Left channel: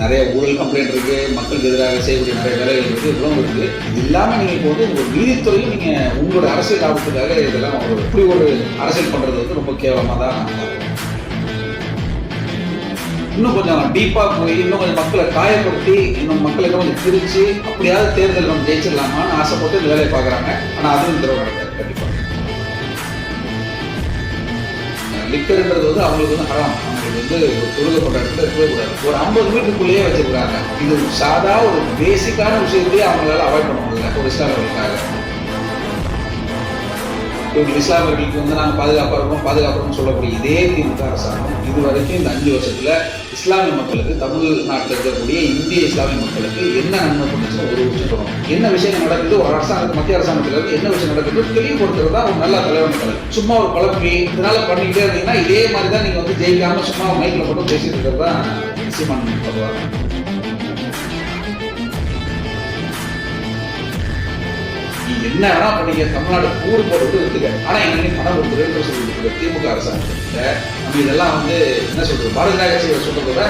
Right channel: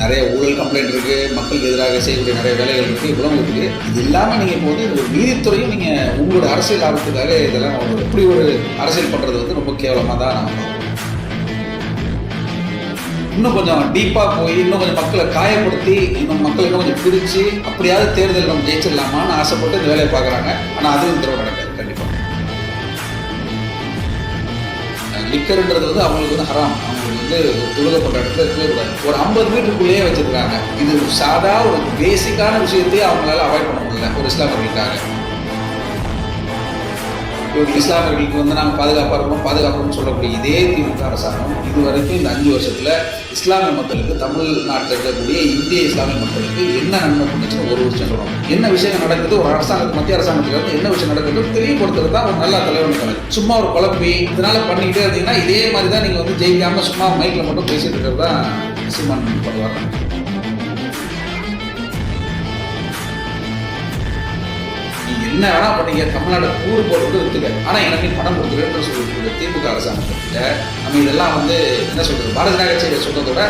நிறைய ஊழல் கம்ப்ளைண்ட் இருக்கு, மக்களுக்கு எதிராக செய்யக்கூடிய நிறைய வேலைகள் இருக்கு, இவ்வளவு இருக்கு. இது இல்லாம நீங்க இப்போ வந்து ஒரு நீதித்துறையும் நீங்க உங்களோட அரசியல் லாபத்துக்காக இதெல்லாம் இப்படி ஒரு அரசியல் பண்றது வந்து ரொம்ப கேவலமா தான் நான் பார்க்கிறேன். இன்னும் கொஞ்சம் டீப்பா போய் இன்னும் கொஞ்சம் மக்களை காயப்படுத்தி இன்னும் மக்களை கொஞ்சம் பிரிச்சு அப்படியாவது தேர்தல் வந்து ஜெயிச்சிடலாமான்னு ஆசைப்பட்டு இந்த வேலையை பார்க்குறாங்க. ஆனால் அதுவும் திறவு நடக்காது கண்டிப்பாக. லிக்கர்ன்றது வந்து அவங்களுக்கு வந்து ஹராம். அவங்களுக்கு வந்து ஒரு தொழுகை கொண்ட இடத்துல இருக்கக்கூடாது. ஒரு 50 மீட்டருக்குள்ளேயே வச்சிருக்காங்க. இது சாதாரண ஒரு பேசிக்கான விஷயத்தையே அவங்களால அவாய்ட் பண்ண முடியல ஒரு இஸ்லாமியர்களுக்காக. இஸ்லாமியர்களுக்கு வந்து நாங்கள் பாதுகாப்புறோம்னு சொல்லக்கூடிய இதே திமுக அரசாங்கம் இதுவரைக்கும் இந்த 5 வருஷத்துல இஸ்லாமிய மக்களுக்கு, தமிழ்நாட்டில் இருக்கக்கூடிய இந்திய இஸ்லாமிய மக்களுக்கு என்ன நன்மை பண்ணுச்சுன்னு ஒரு விஷயம் சொல்லணும். என்ன விஷயம் நடக்குது, ஒரு அரசாங்கத்து மத்திய அரசாங்கத்துல இருந்து என்ன விஷயம் நடக்குது தெளிவுபடுத்துறது தான் ஒரு நல்ல தலைவன். சும்மா ஒரு குழப்பி இதனால பண்ணிக்கிட்டே இருந்தீங்கன்னா இதே மாதிரி தான் நீங்க வந்து ஜெயிக்காம சும்மா மைக்கில் மட்டும் பேசிட்டு இருக்கிறது தான் சீமான் பண்ணுவாங்க. என்ன வேணா பண்ணீங்க, தமிழ்நாடு கூறு போடுறது இருக்குங்க. ஆனா என்ன பணம் கொடுத்துருன்னு சொல்லிட்டு திமுக அரசாங்கத்துல நம்ம இதெல்லாம் வந்து என்ன சொல்றது, பாரதிய ஜனதா கட்சி சொல்றதோட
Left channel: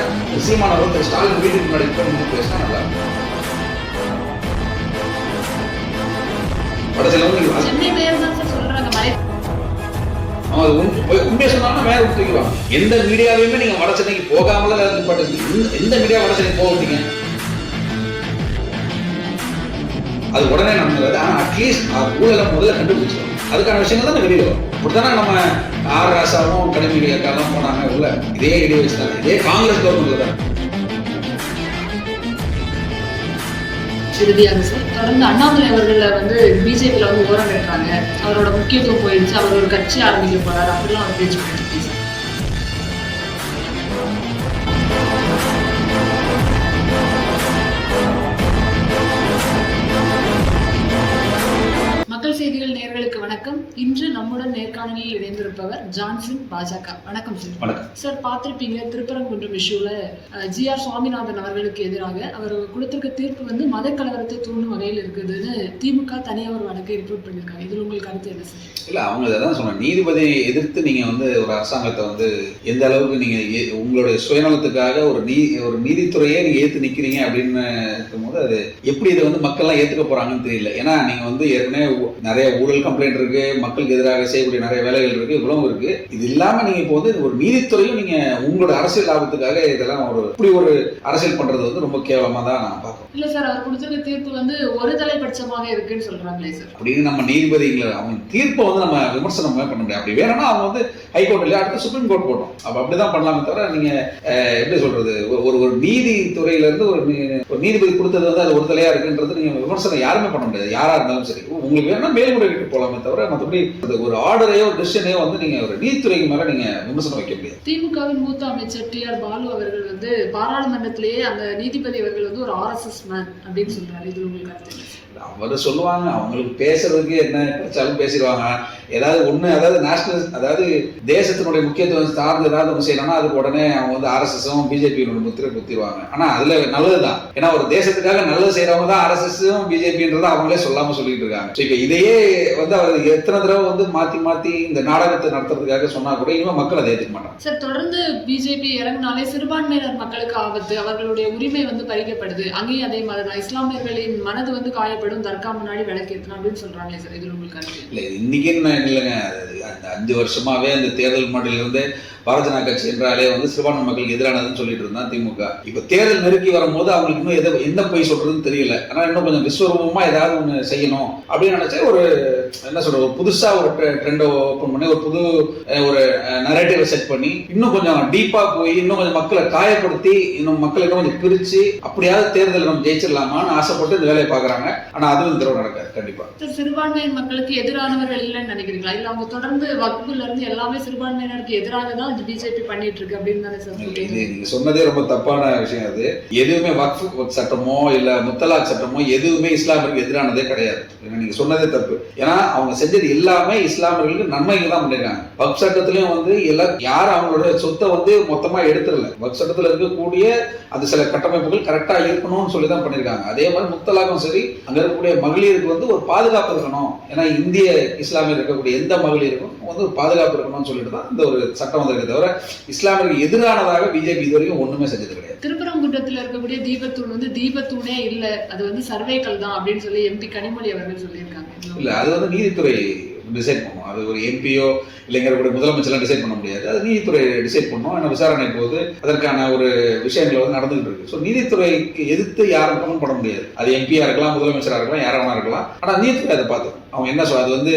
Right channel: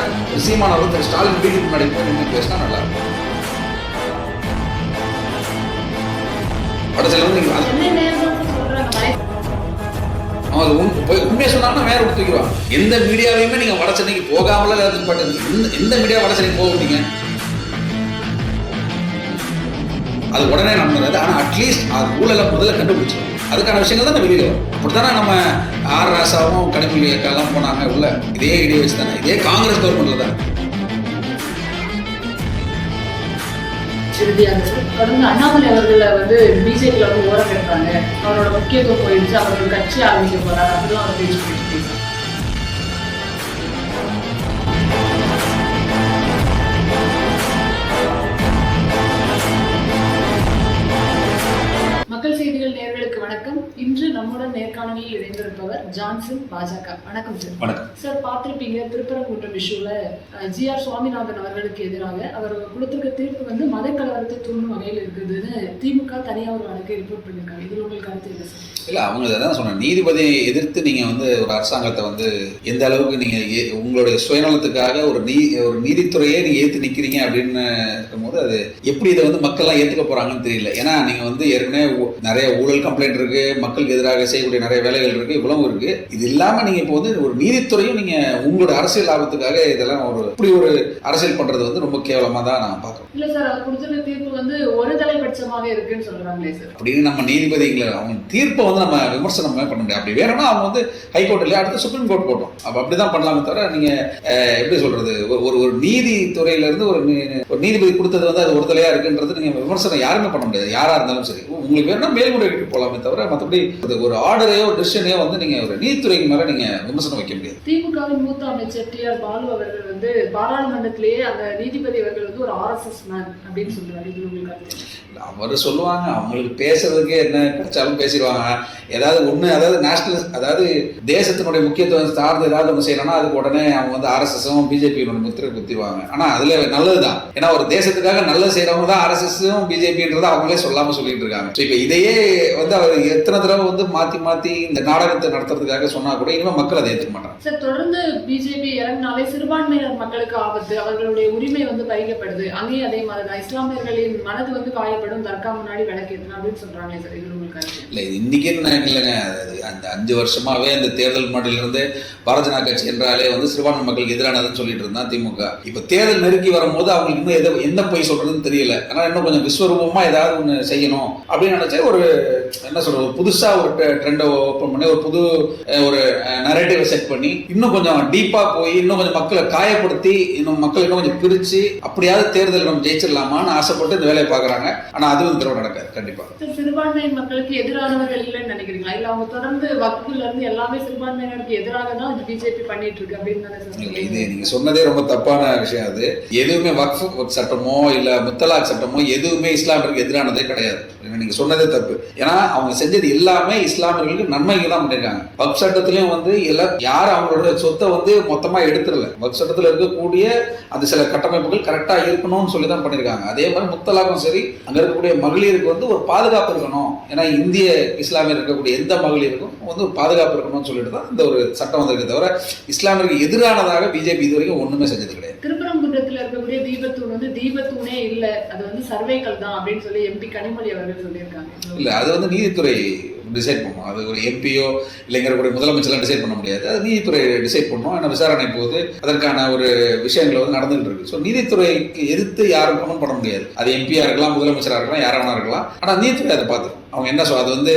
சீமான வந்து ஸ்டாலின் வீட்டுக்கு முன்னாடி போய் நின்று பேசினா நல்லா இருக்கும். உண்மையை சொன்னா வேற தூக்கிடுவாங்க. எந்த மீடியாவையுமே நீங்க வட சென்னைக்கு போகாமல எந்த மீடியா வட சென்னைக்கு போக மாட்டீங்க, அது உடனே நடந்தது. ஆனால் அட்லீஸ்ட் ஊழலை முதல்ல கண்டுபிடிச்சோம், அதுக்கான விஷயங்கள் தான் வெளியே வரும். அப்படித்தானே நம்ம ஆர் ராசாவும் கனிமொழியெல்லாம் போனாங்க உள்ள இதே ஐடியா வச்சு தானே, இதே காங்கிரஸ் கவர்மெண்ட்ல தான். இறுதியாக தொடர்ந்து அண்ணாமலை அவர்கள் வந்து பிஜேபியில் வந்து விவரம் கேட்கிறாங்க, அவரோட முக்கியத்துவம் போயிடுச்சு, அவர் ஒரு கட்சி ஆரம்பிக்க போறாரு அப்படிலாம் அவர் பேச்சு பண்ணிட்டு மக்கள் செய்திகள் நேயர்களுக்கு வணக்கம். இன்று நம்முடன் நேர்காணலில் இணைந்திருப்பவர் ஜான்சன் பாஜக. வணக்கம் சார். சார், பார்த்திருப்பீங்க திருப்பரங்குன்றம் இஷ்யூல GR சுவாமிநாதன் அவர்களுக்கு எதிராக அவர் கொடுத்திருக்க தீர்ப்பு வந்து மத கலவரத்தை தூண்டும் வகையில் இருக்குதுன்னு திமுக தனியாக ஒரு வழக்கை ரிப்போர்ட் பண்ணியிருக்காங்க. இதில் உங்களுக்கு கருத்து என்ன சார்? இல்லை, அவங்க தான் சொன்ன நீதிபதியை எதிர்த்து நீங்கள் வந்து ஒரு அரசாங்கத்தை வந்து எந்த அளவுக்கு நீங்கள் உங்களுடைய சுயநலத்துக்காக ஒரு நீதித்துறையே நீங்கள் ஏற்று நிற்கிறீங்க அப்படின்னு இருக்கும்போது அது எப்படி இதை வந்து மக்கள்லாம் ஏற்றுக்க போகிறாங்கன்னு தெரியல. ஏன்னா நீங்கள் வந்து ஏற்கனவே நிறைய ஊழல் கம்ப்ளைண்ட் இருக்கு, மக்களுக்கு எதிராக செய்யக்கூடிய நிறைய வேலைகள் இருக்கு, இவ்வளவு இருக்கு. இது இல்லாமல் நீங்கள் இப்போ வந்து ஒரு நீதித்துறையும் நீங்கள் உங்களோட அரசியல் லாபத்துக்காக இதெல்லாம் இப்படி ஒரு அரசியல் பண்ணுறது வந்து ரொம்ப கேவலமாக தான் நான் பார்க்குறேன். இல்லை சார், அவர் கொடுத்த தீர்ப்பு வந்து ஒரு தலைபட்சமாகவே இருக்குன்னு சொல்கிறாங்களே சார். அப்படின்னு நம்ம நீதிபதிகளை அவங்க தீர்ப்பை வந்து நம்ம விமர்சனம் பண்ண முடியாது. அப்படி வேணும்னா அவங்க வந்து ஹைகோர்ட் இல்லையா அடுத்த சுப்ரீம் கோர்ட் போட்டோம். அப்போ அப்படிதான் பண்ணலாமே தவிர நீங்க எப்படி சொல்றது, ஒரு நீதித்துறையில இருந்து ஒரு நீதிபதி கொடுத்தது வந்து அது ஒரு தலையா இருக்குன்றது நீங்க விமர்சனம் யாருமே பண்ண முடியாது. யாரா இருந்தாலும் சரி, உங்களுக்கு வேணும்னா மேல்முறையீட்டு போகலாமே தவிர மற்றபடி ஒரு ஆர்டரையோ ஒரு டெசிஷனையோ வந்து நீங்க ஒரு நீதித்துறைக்கு மேல நீங்க விமர்சனம் வைக்க முடியாது. திமுகவின் மூத்த அமைச்சர் TR பாலு அவர்கள் வந்து பாராளுமன்றத்திலேயே அந்த நீதிபதி அவர்கள் வந்து ஒரு RSS மேன் அப்படின்னு சொல்றாரு. இது உங்களுக்கு அவர் சொல்லுவாங்க, அவங்களுக்கு பேசுறதுக்கு என்ன கிடைச்சாலும் பேசிடுவாங்க. ஏதாவது ஒண்ணு, அதாவது நேஷனல், அதாவது தேசத்தினுடைய முக்கியத்துவம் சார்ந்து ஏதாவது ஒன்று செய்யணும்னா அதுக்கு உடனே அவங்க வந்து RSS-உம் பிஜேபியோட முத்திரை குத்திடுவாங்க. ஆனா அதுல நல்லதுதான், ஏன்னா ஒரு தேசத்துக்காக நல்லது செய்யறவங்க தான் RSS-உம் பிஜேபின்றதை அவங்களே சொல்லாம சொல்லிட்டு இருக்காங்க. இப்ப இதையே வந்து அவர் எத்தனை தடவை வந்து மாத்தி இந்த நாடகத்தை நடத்துறதுக்காக சொன்னா கூட இனிமே மக்கள் அதை ஏற்றுக்க மாட்டாங்க. சார், தொடர்ந்து பிஜேபி இறங்கினாலே சிறுபான்மையினர் மக்களுக்கு ஆபத்து, அவர்களுடைய உரிமை வந்து பறிக்கப்படுது. அங்கேயும் அதே மாதிரி தான் இஸ்லாமியர்களின் மனது வந்து காயப்படும், தர்கா முன்னாடி விளக்கேற்றணும் அப்படின்னு சொல்றாங்களே சார். இது உங்களுக்கு இல்லை, இது இன்னைக்கு இல்லைங்க, அந்த 5 வருஷமாவே அந்த தேர்தல் மாட்டிலிருந்து பாரதிய ஜனதா கட்சி என்றாலே வந்து சிறுபான்மை மக்களுக்கு எதிரானதுன்னு சொல்லிட்டு இருந்தா திமுக. இப்ப தேர்தல் நெருக்கி வரும்போது அவங்களுக்கு இன்னும் என்ன போய் சொல்றதுன்னு தெரியல. ஆனா இன்னும் கொஞ்சம் விஸ்வரூபமா ஏதாவது ஒண்ணு செய்யணும் அப்படின்னு நினைச்சா ஒரு என்ன சொல்றது, ஒரு புதுசா ஒரு ட்ரெண்டை ஓப்பன் பண்ணி ஒரு புது ஒரு நரேட்டிவ் செட் பண்ணி இன்னும் கொஞ்சம் டீப்பா போய் இன்னும் கொஞ்சம் மக்களை காயப்படுத்தி இன்னும் மக்களை இன்னும் கொஞ்சம் பிரிச்சு அப்படியாவது தேர்தல் நம்ம ஜெயிச்சிடலாமான்னு ஆசைப்பட்டு இந்த வேலையை பாக்குறாங்க. ஆனா அதுவும் திறவு நடக்காது கண்டிப்பா. சிறுபான்மையின் மக்களுக்கு எதிரானவர்கள் இல்லைன்னு நினைக்கிறீங்களா? இல்ல அவங்க தொடர்ந்து வகுப்புல இருந்து எல்லாமே சிறுபான்மையினருக்கு எதிராக தான் பிஜேபி பண்ணிட்டு இருக்கு அப்படின்னு தானே சார்? இது நீங்க சொன்னதே ரொம்ப தப்பான விஷயம். அது எதுவுமே வக்ஃப் சட்டமோ இல்ல முத்தலாக் சட்டமோ எதுவுமே இஸ்லாமிற்கு எதிரானதே கிடையாது. நீங்க சொன்னதே தப்பு. ஏன்னா அவங்க செஞ்சது எல்லாமே இஸ்லாமியர்களுக்கு நன்மைக்கு தான் பண்ணிருக்காங்க. வக்ஃப் சட்டத்திலயும் வந்து எல்லாம் யாரும் அவங்களோட சொத்தை வந்து மொத்தமா எடுத்துடல. வக்ஃப் சட்டத்துல இருக்கக்கூடிய அந்த சில கட்டமைப்புகள் கரெக்டா இருக்கணும்னு சொல்லி தான் பண்ணிருக்காங்க. அதே மாதிரி முத்தலாக்கும் சரி, அங்க இருக்கக்கூடிய மகளிருக்கு வந்து ஒரு பாதுகாப்பு இருக்கணும். ஏன்னா இந்திய இஸ்லாமியர் இருக்கக்கூடிய எந்த மகளிருக்கும் வந்து ஒரு பாதுகாப்பு இருக்கணும்னு சொல்லிட்டு தான் இந்த ஒரு சட்டம் வந்திருக்கு. தவிர இஸ்லாமியருக்கு எதிரானதாக பிஜேபி இது வரைக்கும் ஒண்ணுமே செஞ்சது கிடையாது. திருப்பரங்குன்றத்தில் இருக்கக்கூடிய தீபத்தூண் வந்து தீபத்தூணே இல்ல, அது வந்து சர்வேக்கல் தான் அப்படின்னு சொல்லி எம்பி கனிமொழி அவர்கள் சொல்லியிருக்காங்க. இல்ல, அது வந்து நீதித்துறை டிசைட் பண்ணும். அது ஒரு எம்பியோ இல்லைங்கிற முதலமைச்சர்லாம் டிசைட் பண்ண முடியாது. அது நீதித்துறை டிசைட் பண்ணும். ஏன்னா விசாரணை போது அதற்கான ஒரு விஷயங்கள் வந்து நடந்துகிட்டு இருக்கு. ஸோ நீதித்துறைக்கு எதிர்த்து யாரும் ஒன்றும் பண்ண முடியாது. அது எம்பியா இருக்கலாம், முதலமைச்சராக இருக்கலாம், யாராவது இருக்கலாம். ஆனால் நீதித்துறை அதை பார்த்து அவங்க என்ன சொல்ல, அது வந்து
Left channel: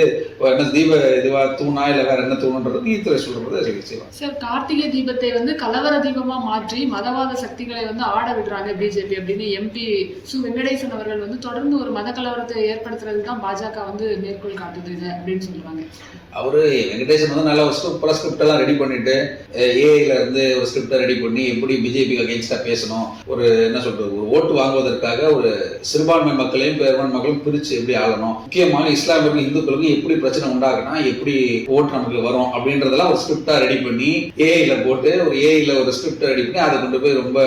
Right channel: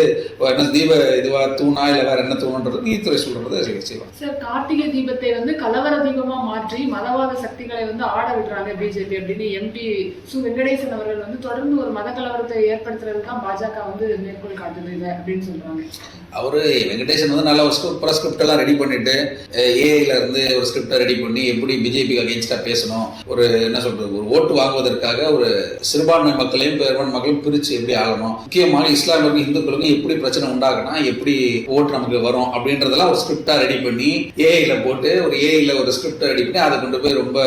என்ன தீப இதுவா தூணா இல்லை வேற என்ன தூணுன்றது நீதித்துறை சொல்றது செய்வாங்க. சார், கார்த்திகை தீபத்தை வந்து கலவர தீபமா மாற்றி மதவாத சக்திகளை வந்து ஆட விடுறாங்க பிஜேபி அப்படின்னு எம்பி சு வெங்கடேசன் அவர்கள் வந்து தொடர்ந்து ஒரு மத கலவரத்தை ஏற்படுத்துறது தான் பாஜக வந்து மேற்கோள் காட்டுது இல்லை அப்படின்னு சொல்றாங்க. அவரு வெங்கடேசன் வந்து நல்ல ஒரு ஸ்கிரிப்ட் எல்லாம் ரெடி பண்ணிட்டு ஏஐல இருந்து ஒரு ஸ்கிரிப்டை ரெடி பண்ணி எப்படி பிஜேபிக்கு அகேன்ஸ்டா பேசணும், ஒரு என்ன சொல்றது, ஒரு ஓட்டு வாங்குவதற்காக ஒரு சிறுபான்மை மக்களையும் பெரும்பான்மை மக்களையும் பிரிச்சு எப்படி ஆளணும், முக்கியமான இஸ்லாமியர்கள் இந்துக்களுக்கும் எப்படி பிரச்சனை உண்டாகுனா எப்படி ஓட்டு நமக்கு வரும் அப்படின்றதெல்லாம் ஒரு ஸ்கிரிப்டா ரெடி பண்ணி ஏஐல போட்டு ஒரு ஸ்கிரிப்டை ரெடி பண்ணி அதை கொண்டு போய் ரொம்ப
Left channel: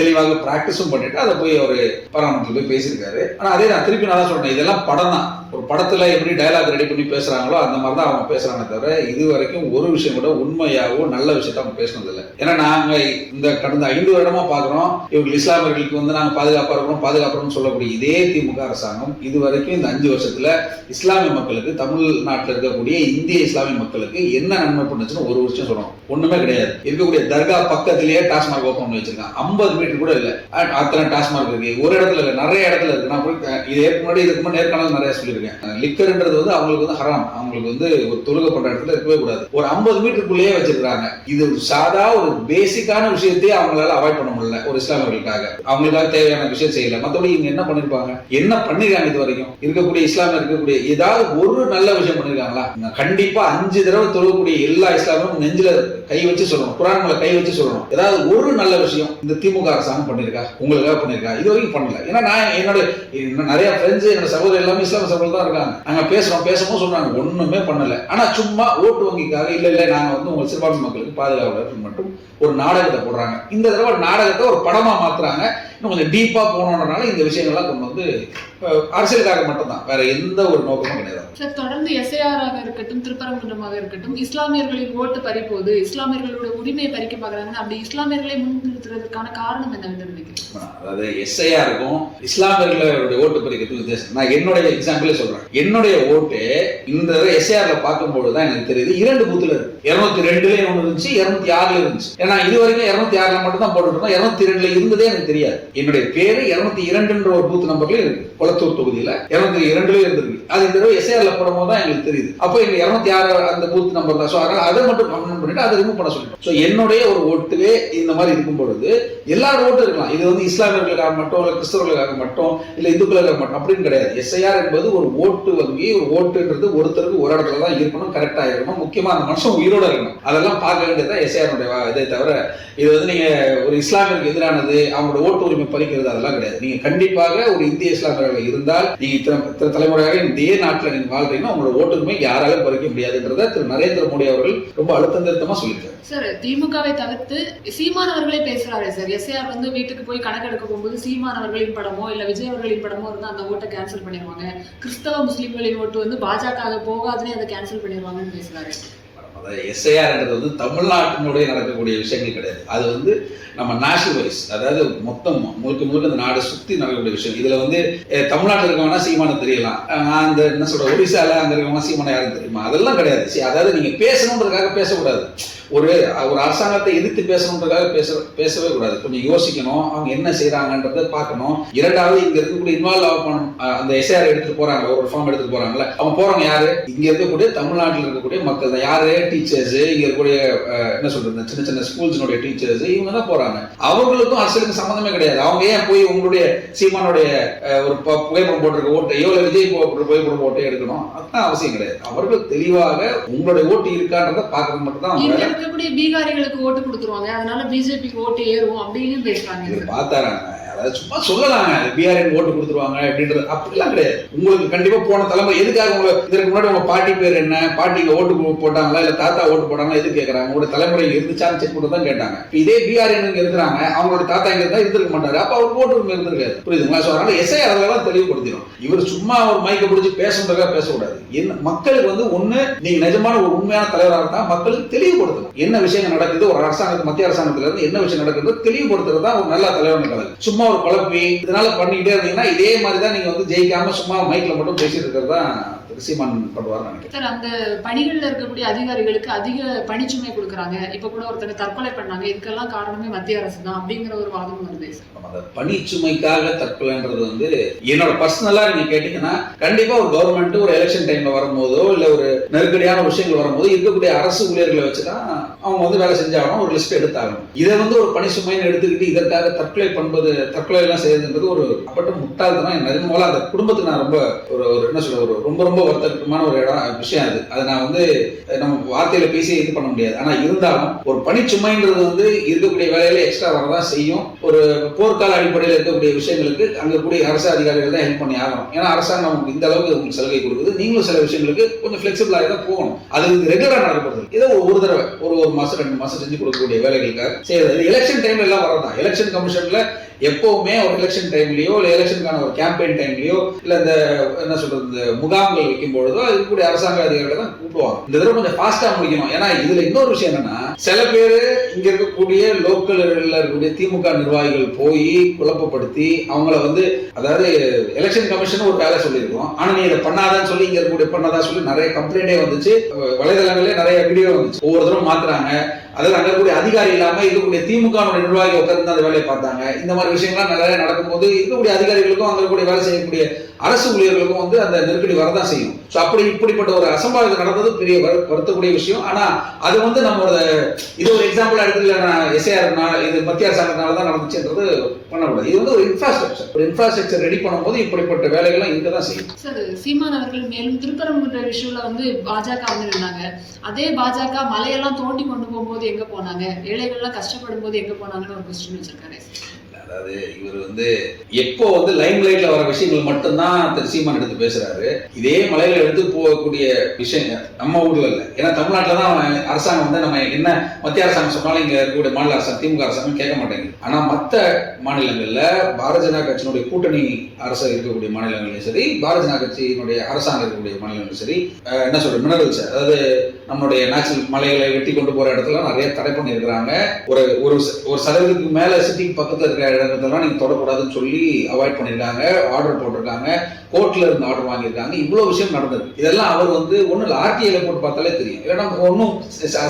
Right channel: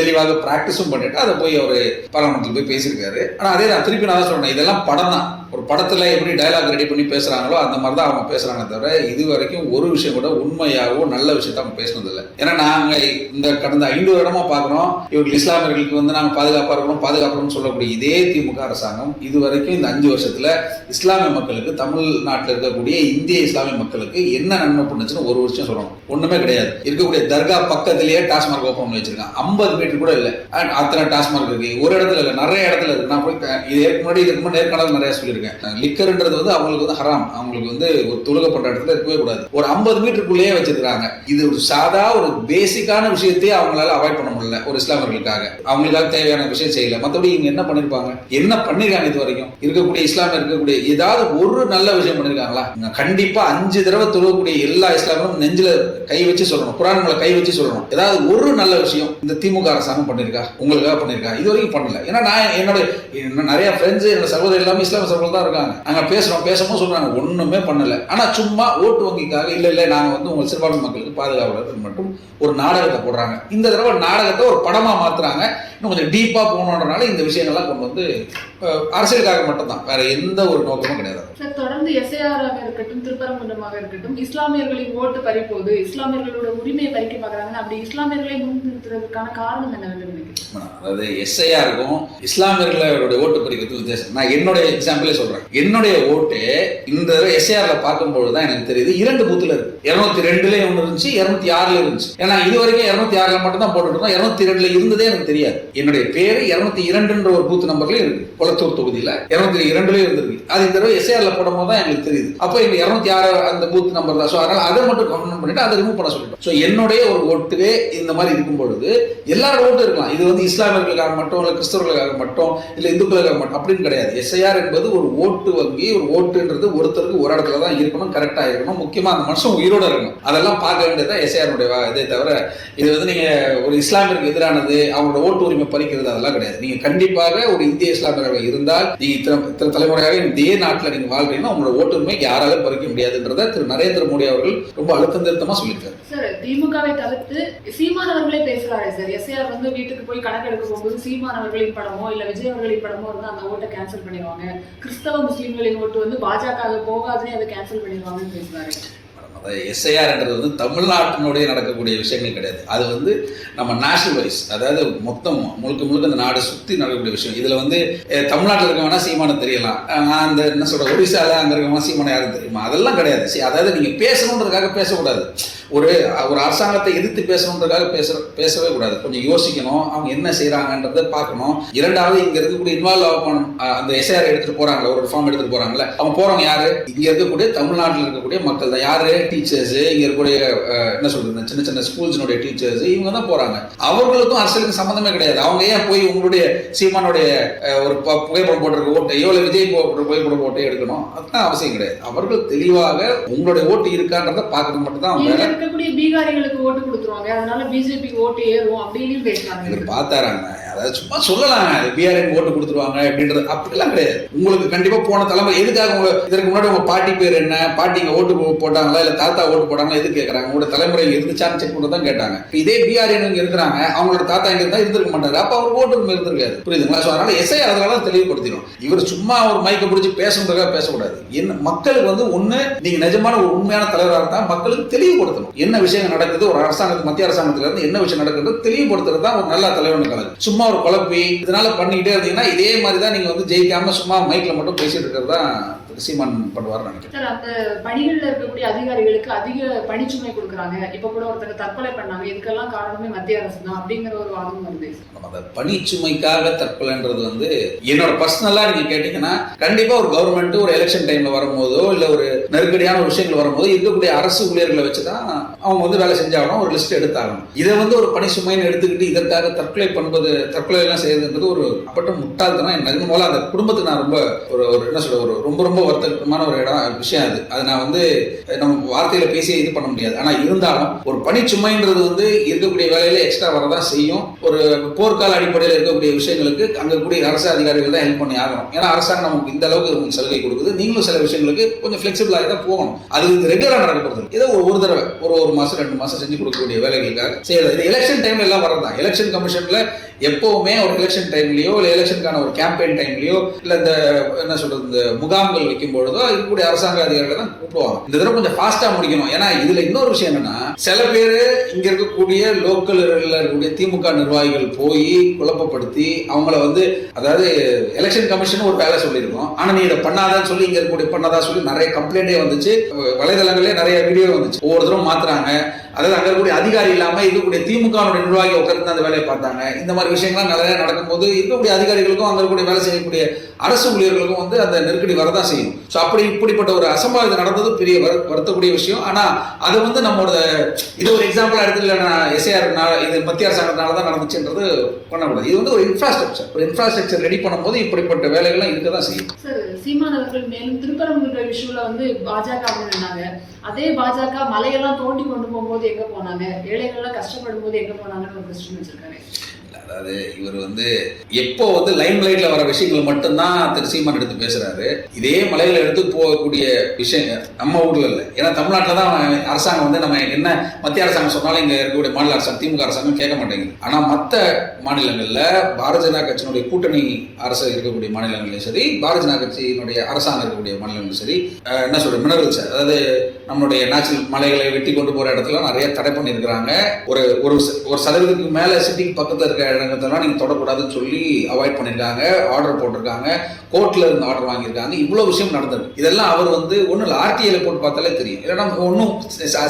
தெளிவாக பிராக்டிஸும் பண்ணிட்டு அதை போய் அவர் பாராளுமன்றத்தில் போய் பேசியிருக்காரு. ஆனா அதே நான் திருப்பி நான் தான் சொல்றேன், இதெல்லாம் படம் தான். ஒரு படத்துல எப்படி டயலாக் ரெடி பண்ணி பேசுறாங்களோ அந்த மாதிரி தான் அவங்க பேசுறாங்க. தவிர இது வரைக்கும் ஒரு விஷயம் கூட உண்மையாகவும் நல்ல விஷயத்த அவங்க பேசினது இல்லை. ஏன்னா நாங்க இந்த கடந்த 5 வருடமா பாக்குறோம், இவங்க இஸ்லாமியர்களுக்கு வந்து நாங்க பாதுகாப்போம் சொல்லக்கூடிய இதே திமுக அரசாங்கம் இது வரைக்கும் இந்த 5 வருஷத்துல இஸ்லாமிய மக்களுக்கு, தமிழ்நாட்டில் இருக்கக்கூடிய இந்திய இஸ்லாமிய மக்களுக்கு என்ன நன்மை பண்ணுச்சுன்னு ஒரு வருஷம் சொல்லணும். ஒண்ணுமே கிடையாது. இருக்கக்கூடிய தர்கா பக்கத்திலேயே டாஸ்மாக் ஓப்பன் பண்ணி வச்சிருக்காங்க. 50 மீட்டர் கூட இல்லை, அத்தனை டாஸ்மாக் இருக்கு. ஒரு இடத்துல இல்லை, நிறைய இடத்துல இருக்கு. நான் போய் இதுக்கு முன்னாடி நேர்காணல் நிறைய சொல்லியிருக்கேன். லிக்கர்ன்றது வந்து அவங்களுக்கு வந்து ஹராம், அவங்களுக்கு வந்து ஒரு தொழுகை பண்ற இடத்துல இருக்கவே கூடாது. ஒரு 50 மீட்டருக்குள்ளேயே வச்சிருக்காங்க. இது ஒரு சாதா ஒரு பேசிக்கான விஷயத்தையே அவங்களால அவாய்ட் பண்ண முடியல. ஒரு இஸ்லாமியர்களுக்காக அவங்களுக்காக தேவையான விஷயம் செய்யல. மற்றபடி இவங்க என்ன பண்ணிருப்பாங்க, என்ன பண்ணிருக்காங்க இது வரைக்கும் இருக்கக்கூடிய இஸ்லாமிய இருக்கக்கூடிய ஏதாவது ஒரு நல்ல விஷயம் பண்ணிருக்காங்களா? கண்டிப்பா 5 தடவை தொழக்கூடிய எல்லா இஸ்லாமும் நெஞ்சில கை வச்சு சொல்லணும், குர்ஆன்ல கை வச்சு சொல்லணும். ஏதாவது ஒரு நல்ல விஷயம் இந்த திமுக அரசாங்கம் பண்ணிருக்கா, உங்களுக்காக பண்ணிருக்கா? இது வரைக்கும் பண்ணல. ஏன்னா நான் என்னோட நிறைய ஃப்ரெண்ட்ஸ், என்னோட சகோதரர் எல்லாமே இஸ்லாமிய சகோதரர் தான் இருக்காங்க. அங்க பேசவும் சொல்றாங்க, ஒண்ணுமே பண்ணல. ஆனா சும்மா ஓட்டு வங்கிக்காக இல்ல நாங்க வந்து உங்க சிறுபான்மை மக்களுக்கு பாதுகாவலர் மட்டும் ஒரு நாடகத்தை போடுறாங்க. இந்த தடவை நாடகத்தை ஒரு படமா மாத்துறாங்க. இன்னும் கொஞ்சம் டீப்பா போனோம்னால இந்த விஷயங்கள்லாம் கொண்டு வந்து அரசியலுக்காக மட்டும்தான், வேற எந்த ஒரு நோக்கமும் கிடையாது. சார், தொடர்ந்து எஸ்ஐஆராக இருக்கட்டும், திருப்பரங்குன்றமாக இருக்கட்டும், இஸ்லாமியர்களின் ஓட்டு பறிப்போது, இஸ்லாமியர்களோட உரிமையை பறிக்க பார்க்கறாங்க. அப்படி இஸ்லாமியர்களை முன்னிறுத்துறதுக்கான காரணம் என்ன நினைக்கிறேன்? அதாவது எஸ்ஐஆருக்கும் இஸ்லாமியர்களுடைய ஓட்டு பறிக்கிறதுக்கு வித்தியாசம். நான் என்னுடைய எக்ஸாம்பிளே சொல்றேன். என்னுடைய ஓட்டு இந்த எஸ்ஐஆர்ல பார்க்கும்போது தான் எனக்கு தெரியுது 2 பூத்துல இருக்கு. 202 இருந்துச்சு, 206 இருந்துச்சு. ஏன்னா இது வரைக்கும் 206 மட்டும் தான் போட்டுட்டு இருந்தோம். 202 இருந்ததே எனக்கு தெரியாது. என்னுடைய பேரு 202 ஒரு பூத் நம்பர்ல இருக்கு. கொளத்தூர் தொகுதியில 202 இருந்திருக்கு. அது இந்த தடவை எஸ்ஐஆர்ல போடும்போது தான் எங்களுக்கு தெரியுது. அப்போ எங்க 206 அந்த பூத் நம்பர் தான். ஸோ அதை மட்டும் கமெண்ட் பண்ணிட்டு அதை ரிமூவ் பண்ண சொல்லிட்டோம். ஸோ என்னுடைய ஒரு ஓட்டுவே இந்த மாதிரி இருக்கும் பொழுது எல்லாரோட ஓட்டு இருக்கலாம். இது வந்து இஸ்லாமியர்களுக்காக மட்டும், இல்லை கிறிஸ்தவர்களுக்காக மட்டும், இல்லை இந்துக்களுக்காக மட்டும் அப்படின்னு கிடையாது. எஸ்ஐஆர் என்பது ஒரு ஓட்டு வங்கி. ஒரு ஓட்டுன்றது ஒருத்தருக்கு ஒரு இடத்துல தான் இருக்கணும், கரெக்டா இருக்கணும். முக்கியமா அந்த மனுஷன் உயிரோட இருக்கணும். அதெல்லாம் பார்க்க வேண்டியதான் எஸ்ஐஆருடைய இதே தவிர இது வந்து நீங்க ஒரு இஸ்லாமியருக்கு எதிரானது, அவங்களோட ஓட்டு உரிமை பறிக்கிறது அதெல்லாம் கிடையாது. நீங்க கண்டிப்பாக ஒரு இந்திய இஸ்லாமியர்கள் இருந்தால், நீங்க இத்தனை தலைமுறையாக இதே நாட்டில் நீங்க வாழ்றீங்கன்னா உங்களோட ஓட்டு உரிமை யாராலும் பறிக்க முடியாதுன்றத திரு நரேந்திர மோடி அவர்கள் ரொம்ப அழுத்தம் திருத்தமா சொல்லியிருக்காரு. சார், திமுகவை தவிர்த்து சீமான் அவர்களே பேசுறாரு சார். எஸ்ஐஆர் வந்து வீட்டுக்கு போய் கணக்கெடுக்க போகும்போது சீமான் அவர்களின் படமோ இல்ல விஜய் அவர்களின் படமோ இருந்தா அந்த ஓட்டை கேன்சல் பண்ணிடுவாங்க. கிறிஸ்தவ முஸ்லீம்களின் ஓட்டு வந்து பாஜக போகாதுன்னு அதை கேன்சல் பண்ணிடுவாங்கன்னு பேசுறாரு. எஸ்ஐஆர்ன்றது வந்து தமிழ்நாட்டினுடைய நடக்கக்கூடிய விஷயங்கள் கிடையாது. அது வந்து நம்ம நேஷனல் வைஸ், அதாவது மொத்தம் முழுக்க இந்த நாடு சுற்றி நடக்கக்கூடிய விஷயம். இதுல வந்து தமிழ்நாட்டில் இருக்கவனா சீமானம் தெரியலாம், நான் அந்த என்ன சொல்ற ஒடிசால அங்க இருக்கவனா சீமானம் யாரும் தெரியுமா? அதெல்லாம் கிடையாது. அதாவது நீங்க பேசணுன்றதுக்காக பேசக்கூடாது. ஒரு அரசாங்கத்தை எதிர்த்து பேசணுன்றதுக்காக பேசவே கூடாது. கொஞ்சம் யோசிக்கணும், அவங்க என்ன செய்யறாங்கன்றத பார்க்கணும். இரண்டாவது, இங்க இருக்கக்கூடிய இன்வால்வ் ஆகணும். அந்த எஸ்ஐஆர் எடுத்துட்டு போறாங்க, ஒரு ஃபார்ம் எடுத்துட்டு போறாங்கல்ல, அவங்க போறவங்க யாரு? இங்க இருக்கக்கூடிய தமிழ்நாட்டில் இருக்கக்கூடிய மக்கள் தான். யாரு? டீச்சர்ஸ், இங்க இருக்கக்கூடிய என்ன சொல்றது சின்ன சின்ன ஸ்கூல்ஸினுடைய டீச்சர்ஸ், இவங்க தான் போறாங்க. அவங்களுக்கும் அரசியலுக்கு சம்பந்தமே கிடையாது. அவங்க ஏன் போய் உங்களுடைய சீமானுடைய ஒரு புகைப்படம் போட்டிருக்க ஓட்டையோ இல்லை விஜய் புகைப்படம் ஓட்டையோ எடுக்கணும்? அதுதான் அவசியம் கிடையாது. அவர்கள் தெளிவாக உங்களுடைய ஓட்டு இருக்கான்றத பார்க்கறது மட்டும் தான். இருக்கக்கூடிய பீகாரிகளுக்கு ஓட்டு கொடுத்துருவாங்க, அதனால பிஜேபி ஓட்டு ஏறும் அப்படின்னு பேசுறாங்க. பார்த்தாராங்க அதாவது சும்மா சொல்லலாங்க பிஆர்என் ஓட்டு கொடுத்துருவாங்க அப்படின்றது அப்படிலாம் கிடையாது. உங்களுக்கு கண்டிப்பா போன தலைமுறை எதுக்காக உங்க இதற்கு முன்னாடி உங்க பாட்டி பேர் என்ன, பாட்டிங்க ஓட்டு போட்டாங்களா இல்ல தாத்தா ஓட்டு போட்டாங்களா எது கேட்கறாங்க, உங்களோட தலைமுறை இருந்துச்சான்னு செக் பண்ணி தான் கேட்டாங்க. இதே பிஆர்என் இருக்கிறாங்க, அவங்களோட தாத்தா இங்க இருந்தா இருந்திருக்க மாட்டாரு, அப்ப அவர் ஓட்டு இருந்திருக்காது. புரியுதுங்களா? அதனால எஸ்ஐ அதெல்லாம் தெளிவுபடுத்திடும். இவர் சும்மா ஒரு மைக்க பிடிச்சி பேசுறதுக்காக பேசக்கூடாது. என்ன மக்களுக்கு வந்து ஒண்ணு நீங்க நிஜமான ஒரு உண்மையான தலைவராக இருந்தா மக்களுக்கு தெளிவுபடுத்தணும் என்ன விஷயம் நடக்குது, ஒரு அரசாங்கத்துக்கு மத்திய அரசாங்கத்துல இருந்து என்ன விஷயம் நடக்குது தெளிவுபடுத்துறது தான் ஒரு நல்ல தலைவன் கலை. சும்மா ஒரு குழப்பி இதனால பண்ணிக்கிட்டே இருந்தீங்கன்னா இதே மாதிரி தான் நீங்க வந்து ஜெயிக்காம சும்மா மைக்ல மட்டும் பேசிட்டு இருக்கிறது தான் சீமான் பண்ணுவார்னு நினைக்கிறேன். சார், அந்த பணிகள்ல இருக்கக்கூடிய அதிகாரிகளுக்கு அதிக பணிச்சுமை கொடுக்குறாங்க. இப்ப கூட ஒருத்தர் தற்கொலை பண்ணாங்க, இதுக்கெல்லாம் காரணமே மத்திய அரசு தான் அப்படிங்கிற ஒரு வாதம் வருது. அந்த பணிச்சுமைக்காக தற்கொலைன்றது வந்து என்னோட பர்சனலா நீங்க கேட்டீங்கன்னா கண்டிப்பா ஒரு கவர்மெண்ட் ஒரு எலெக்ஷன் டைம்ல வரும்போதோ இல்ல ஒரு நெருக்கடியான விஷயங்கள் வரும்போது இருக்கக்கூடிய அரசு ஊழியர்களை வச்சுதான் அவங்க வந்து வேலை செஞ்சாகணும், ஒரு லிஸ்ட் எடுத்தாகணும். இதை வந்து ஒரு பணிச்சுமைன்னு எடுத்துக்கிட்டு இதற்காக தற்கொலை எல்லாம் செய்யறதுன்றது ஒரு அப்பட்ட முட்டாள்தனம். என் மூலம் அந்த குடும்பத்துக்கு நான் ரொம்ப ஒரு என்ன சொல்ற ஒரு ரொம்ப வருத்தமான ஒரு விஷயம் அது நான் வந்து நம்ம வார்த்தையில பேசி இது பண்ண முடியாது. ஆனா இருந்தாலும் ஒரு பணிச்சுமைன்றது வந்து இருக்கக்கூடிய வேலையில எக்ஸ்ட்ரா வரதான் செய்யும். ஒரு போர்க்கால அடிப்படையில் இருக்கக்கூடிய விஷயங்களுக்கு அங்க கூடிய அரசு அதிகாரிகள் தான் ஹெல்ப் பண்ணி ஆகணும். ஏன்னா அரசாங்கம் நமக்கு இந்த அளவுக்கு உங்களுக்கு சலுகை கொடுக்குது, நீங்களும் சில விஷயங்களுக்கு கொஞ்சம் ஃபிளெக்சிபிளாக தான் போகணும். அது ரெகுலரா நடக்கிறது. ஏதோ ஒரு தடவை ஒரு மாசம் 2 மாசம் செஞ்சு கொடுக்கக்கூடிய வேலைகளுக்காக செய்யறது. இது எலெக்ஷன் டைம்ல எல்லாம் வரதான். எலெக்ஷன் கமிஷன்ல எப்பவுமே ஒரு எலெக்ஷன் டைம்லயோ இல்ல எலெக்ஷனுக்கான ஒரு கேம்பெயின் டைம்லயோ இல்ல இந்த என்ன சொல்றது இந்த முகாம்கள் வைக்கும் பொழுதோ இருக்கக்கூடிய அரசாங்க அதிகாரிகளை தான் கூப்பிடுவாங்க. இந்த தடவை கொஞ்சம் ஃபாஸ்டா முடிக்கணும். ஏன்னா இதுல இன்னொரு விஷயம் என்னன்னா சில பேரு இங்க இருக்கக்கூடிய லோக்கல்ல இருக்கக்கூடிய திமுக நிர்வாகிகள் போய் குழப்பப்படுத்தி அவங்கள வந்து அதாவது எலெக்ஷன் கமிஷன் ஒரு வேலை சொல்லியிருக்கோம், ஆனா நீ இதை பண்ணாதான்னு சொல்லி இங்க இருக்கக்கூடிய பண்ணாதா சொல்லி நிறைய கம்ப்ளைண்டே வந்துச்சு, வலைதளங்களே நிறைய வீடியோ வந்துச்சு. ஒவ்வொரு தடவை மாத்துறாங்க. அதாவது அங்க இருக்கக்கூடிய அதிகாரி இல்லாம இருக்கக்கூடிய திமுக நிர்வாகி உட்கார்ந்து அந்த வேலையை பார்த்தாங்க. இந்த மாதிரி விஷயங்கள்லாம் நிறைய நடக்கும்போது இருக்கக்கூடிய அதிகாரிகளுக்கும் அங்க இருக்கக்கூடிய வேலை செய்யக்கூடிய அரசு ஊழியர்களுக்கும் வந்து அந்த நெருக்கடி வரதான் செய்யும். ஸோ அப்படி இப்படிப்பட்ட ஒரு அசம்பாவிதம் நடந்தது பெரிய வருத்தக்கூடிய விஷயம். ஆனா அது வந்து நம்மளோட இது ஒரு எக்ஸாம்பிளா எடுத்துல எஸ்ஐஆர் இது மத்திய அரசாங்கத்தினால தான் நடந்துச்சுன்றது பண்ணக்கூடாது. இது வந்து ஒரு இன்ஃப்ராஸ்ட்ரக்சர் ரெடி பண்ணும்போது இப்படிப்பட்ட வேலைகள்லாம் இருக்க தான் செய்யும். சார், சீமான் அவர்கள் மேலும் திருப்பரங்குன்ற விஷயம்ல வந்து பாஜக இருந்தாங்க. அதே பாஜக மலையெல்லாம் தோண்டி கொண்டு போகும்போது எங்க போனாங்க, ஏழைகள்லாம் கஷ்டப்படும் போது எங்க போனாங்கன்னு ஒரு கொஸ்டின் வச்சிருக்காரு. அதாவது இவர் வந்து எப்போ வந்து லைம் லைட்ல வர விஷயங்கள் மட்டும்தான் திரு சீமான் எடுத்து பேசுறாரு. இதே மலையில எடுத்து போகக்கூடிய விஷயங்கள் நம்ம ஊர்ல இல்லை. ஏன்னா தமிழ்நாட்டில் தான் அரசாங்கம் வந்து நம்ம என்ன மத்திய அரசாங்கம் சொன்னாலும் இங்க இருக்கக்கூடிய மாநில அரசாங்கம் திமுக அரசாங்கம் கேட்க மாட்டேங்குது. ஆனா மற்ற மாநிலங்கள்ல பாரதிய ஜனதா கட்சியினுடைய கூட்டணி அரசு இருக்கக்கூடிய மாநிலங்களையும் சரி, பாரதிய ஜனதா கட்சியினுடைய அரசாங்கம் இருக்கக்கூடிய மாநிலங்களும் சரி, என்ன சொல்ற மினரல்ஸ் அதாவது நம்மளுடைய நேச்சுரல் மலைகளை வெட்டி கொண்டு போற இடத்துல நிறைய தடை பண்ணியிருக்கிறாங்க. ஒரு சதவீதத்துக்கு மேல சிட்டிக்கு பக்கத்துல இருக்க இடங்கள்லாம் நீங்க தொடக்கூடாதுன்னு சொல்லி அவாய்ட் பண்ணிருக்காங்க, ஆர்டர் போட்டிருக்காங்க, கோர்ட்ல இருந்து ஆர்டர் வாங்கியிருக்காங்க. இவ்வளவு விஷயம் நடந்தது. இதெல்லாம் அவர் வந்து ஒன்னும் ஆர்டிஐல போட்டு பார்த்தாலே தெரியும், இல்லைன்னா ஒன்னும்